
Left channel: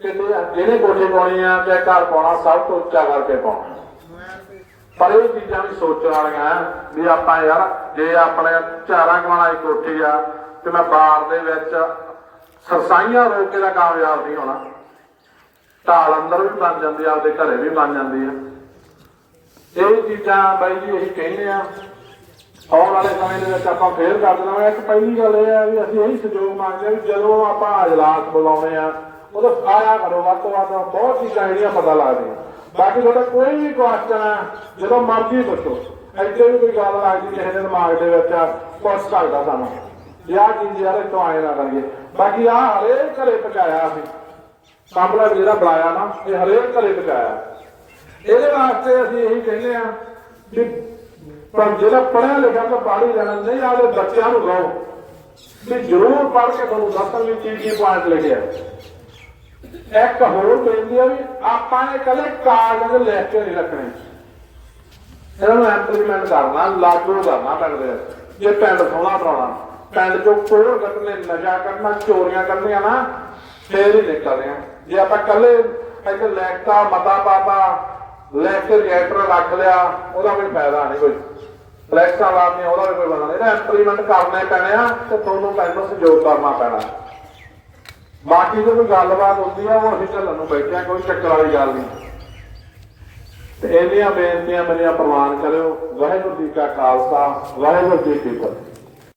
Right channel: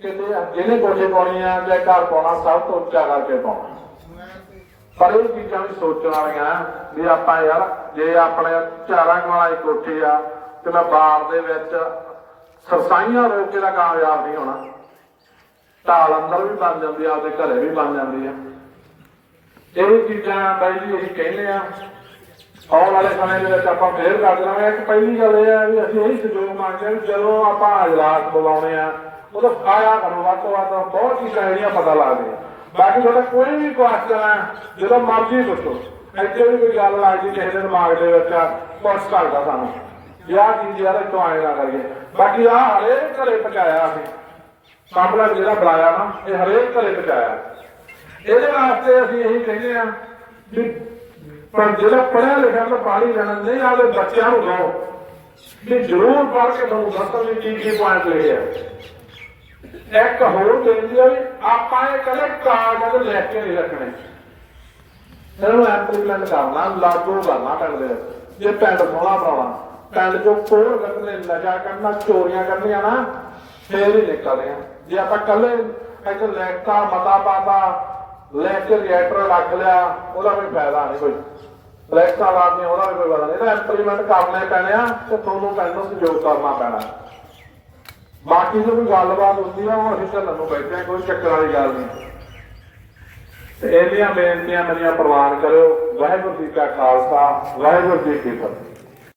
ਕਿਤੇ ਜਿਹਨੇ ਕੋਠੇ ਪਾਉਣੀ ਆ ਜਾਂ ਘਰ ਪਾਉਣਾ, ਸਭ ਤੋਂ ਉੱਚਾ ਕਰਕੇ ਪਾਉਣਾ। ਪਰ ਇਹ ਚੀਜ਼ਾਂ ਵੀ ਸੋਚਣ ਵਾਲੀਆਂ ਵੀ ਆਪਾਂ ਯਾਰ ਜੇ ਆਪਣੇ ਚਾਰਾਂ ਕਮਾਣਾ ਇੱਕ ਕੋਠੀ ਆ ਤੇ ਮੈਂ ਬਾਹਰ ਦੇ ਵਿੱਚ ਸਰਸਾਈਆਂ ਰੋਕ ਕੇ ਦਾ ਕਾਮਯਾਬ ਨਹੀਂ ਹੋਣਾ। ਢਾਲ ਅੰਦਰ ਵੀ ਬਣ ਜਾਂਦੀ ਆ, ਆਪਦੇ ਘਰੇ ਵੀ ਬਣ ਜਾਂਦੀ ਆ। ਇਹ ਚੀਜ਼ਾਂ ਬਾਈ ਜੀ ਅਸੀਂ ਕਹਿੰਦੇ ਆ, ਆਉਣ ਵਾਲੇ ਸਮੇਂ ਦੇ ਵਿੱਚ ਆਪਾਂ ਫੇਰ ਕਰ ਦੇਣਾ ਇੱਕ ਪਹਿਲੀ ਗੱਲ ਇਹ ਹੈ ਵੀ ਅਸੀਂ ਇਹੀ ਸਹਿਯੋਗ ਮੰਗਦੇ ਆ ਵੀ ਜਦੋਂ ਆਪਾਂ ਇਜਲਾਸ ਬੁਲਾਉਣੇ ਆ ਉਦੋਂ ਆਇਆ ਕਰੋ ਵੱਧ ਤੋਂ ਵੱਧ ਬਹੁਤ ਚੀਜ਼ਾਂ ਜਿਹੜੀਆਂ ਪਤਾ ਲੱਗਦੀਆਂ। ਬਾਕੀ ਤੁਹਾਡਾ ਕੋਈ ਵੀ ਕੁਐਸਚਨ ਹੈ ਜਦੋਂ ਮਰਜ਼ੀ ਪੁੱਛੋ। ਇੱਥੇ ਵੀ ਕੋਈ ਗੱਲ ਆ ਗਈ, ਕਿਸੇ ਦੇ ਦਿਮਾਗ ਦੇ ਵਿੱਚ ਕੁਛ ਕਰਦਾ ਸਾਨੂੰ। ਯਾਰ ਚੀਜ਼ ਯਾਰ ਇੱਥੋਂ ਆਏ ਨਾ ਕਰੀਏ। ਬਾਕੀ ਆ ਹਰੇਕ ਘਰੇ ਪਕਾਇਆ ਅਸੀਂ। ਸਾਹਮਣਾ ਜਿਹੜਾ ਬਣਾਇਆ ਨਾ, ਇਹ ਹਰੇਕ ਘਰੇ ਪਹੁੰਚਾਇਆ। ਇਹਦੇ ਵਾਸਤੇ ਅਸੀਂ ਇਹੀ ਕਹਿੰਦੇ ਆ ਵੀ ਪਰ ਜਿਹੜਾ ਪੜਿਆ ਲਿਖਿਆ ਤਾਂ ਪਾਣੀ ਲੈਣਾ, ਨਹੀਂ ਆਵੇ ਬੱਚਿਆਂ ਨੂੰ ਕਹੋ ਵੀ ਜ਼ਰੂਰ ਪੜ੍ਹ ਕੇ ਤੁਹਾਨੂੰ ਦੱਸਣ ਵੀ ਕੀ ਕੀ ਪੁਆਇੰਟ ਲਿਖਿਆ ਇੱਕ ਹੋਰ ਬੇਨਤੀ ਆ ਵੀ ਆਪਾਂ ਇਹ ਕਦੇ ਕਾਗਜ਼ ਲੈ ਕੇ ਨਹੀਂ ਰੱਖਣੇ। ਇਹਨਾਂ ਨੂੰ ਇੰਪਲੀਮੈਂਟ ਕਰਨਾ, ਲਾਗੂ ਕਰਨਾ ਪਿੰਡ ਦੇ ਜੇ ਪਿੰਡ ਸੋਹਣਾ ਬਣਾਉਣਾ, ਪਿੰਡ ਚੋਂ ਕੋੜ ਕੱਢਨੇ ਨਸ਼ਾ ਕਰਨਾ, ਚੋਰੀਆਂ ਕਰਨੀਆਂ ਨਾ, ਫੇਰ ਹੀ ਨਿਕਲਦੇ ਆ ਜੇ ਆਪਾਂ ਕੱਲੇ ਇੱਕ ਲੈਕਟਾ ਮਤਾ ਪਾਤਾ ਲੈ ਕੇ ਰਿਐਕਟਰ ਰੱਖ ਲਿਆ, ਉਹਦਾ ਕੋਈ ਫਾਇਦਾ ਨਹੀਂ ਕੋਈ। ਲੈਕਟਾ ਲਾਦੀਆਂ ਉਹਦਾ ਵੀ ਕੋਈ ਫਾਇਦਾ ਨਹੀਂ। ਇਹਦਾ ਇੰਪਲੀਮੈਂਟ ਕਰਨੇ ਪੈਣੇ ਆ ਤੇ ਤੁਹਾਨੂੰ ਕਹਿੰਦੇ ਸਹਿਯੋਗ ਕਰਨਾ ਪੈਣਾ। ਬਾਕੀ ਜੇ ਕੋਈ ਗੱਲਬਾਤ ਹੁੰਦੀ ਨਾ, ਹੁਣ ਅਸੀਂ ਚੱਲਣ ਨੂੰ ਬੈਠੇ ਆ ਕੋਈ ਚੱਕਰ ਵਾਲੀ ਗੱਲ ਨਹੀਂ। ਤੇ ਇਹਦੀਆਂ ਬੇਨਤੀਆਂ ਮੇਰੀਆਂ ਪ੍ਰਵਾਨ ਕਰਿਓ। ਵਾਹਿਗੁਰੂ ਜੀ ਕਾ ਖਾਲਸਾ, ਵਾਹਿਗੁਰੂ ਜੀ ਕੀ ਫਤਿਹ।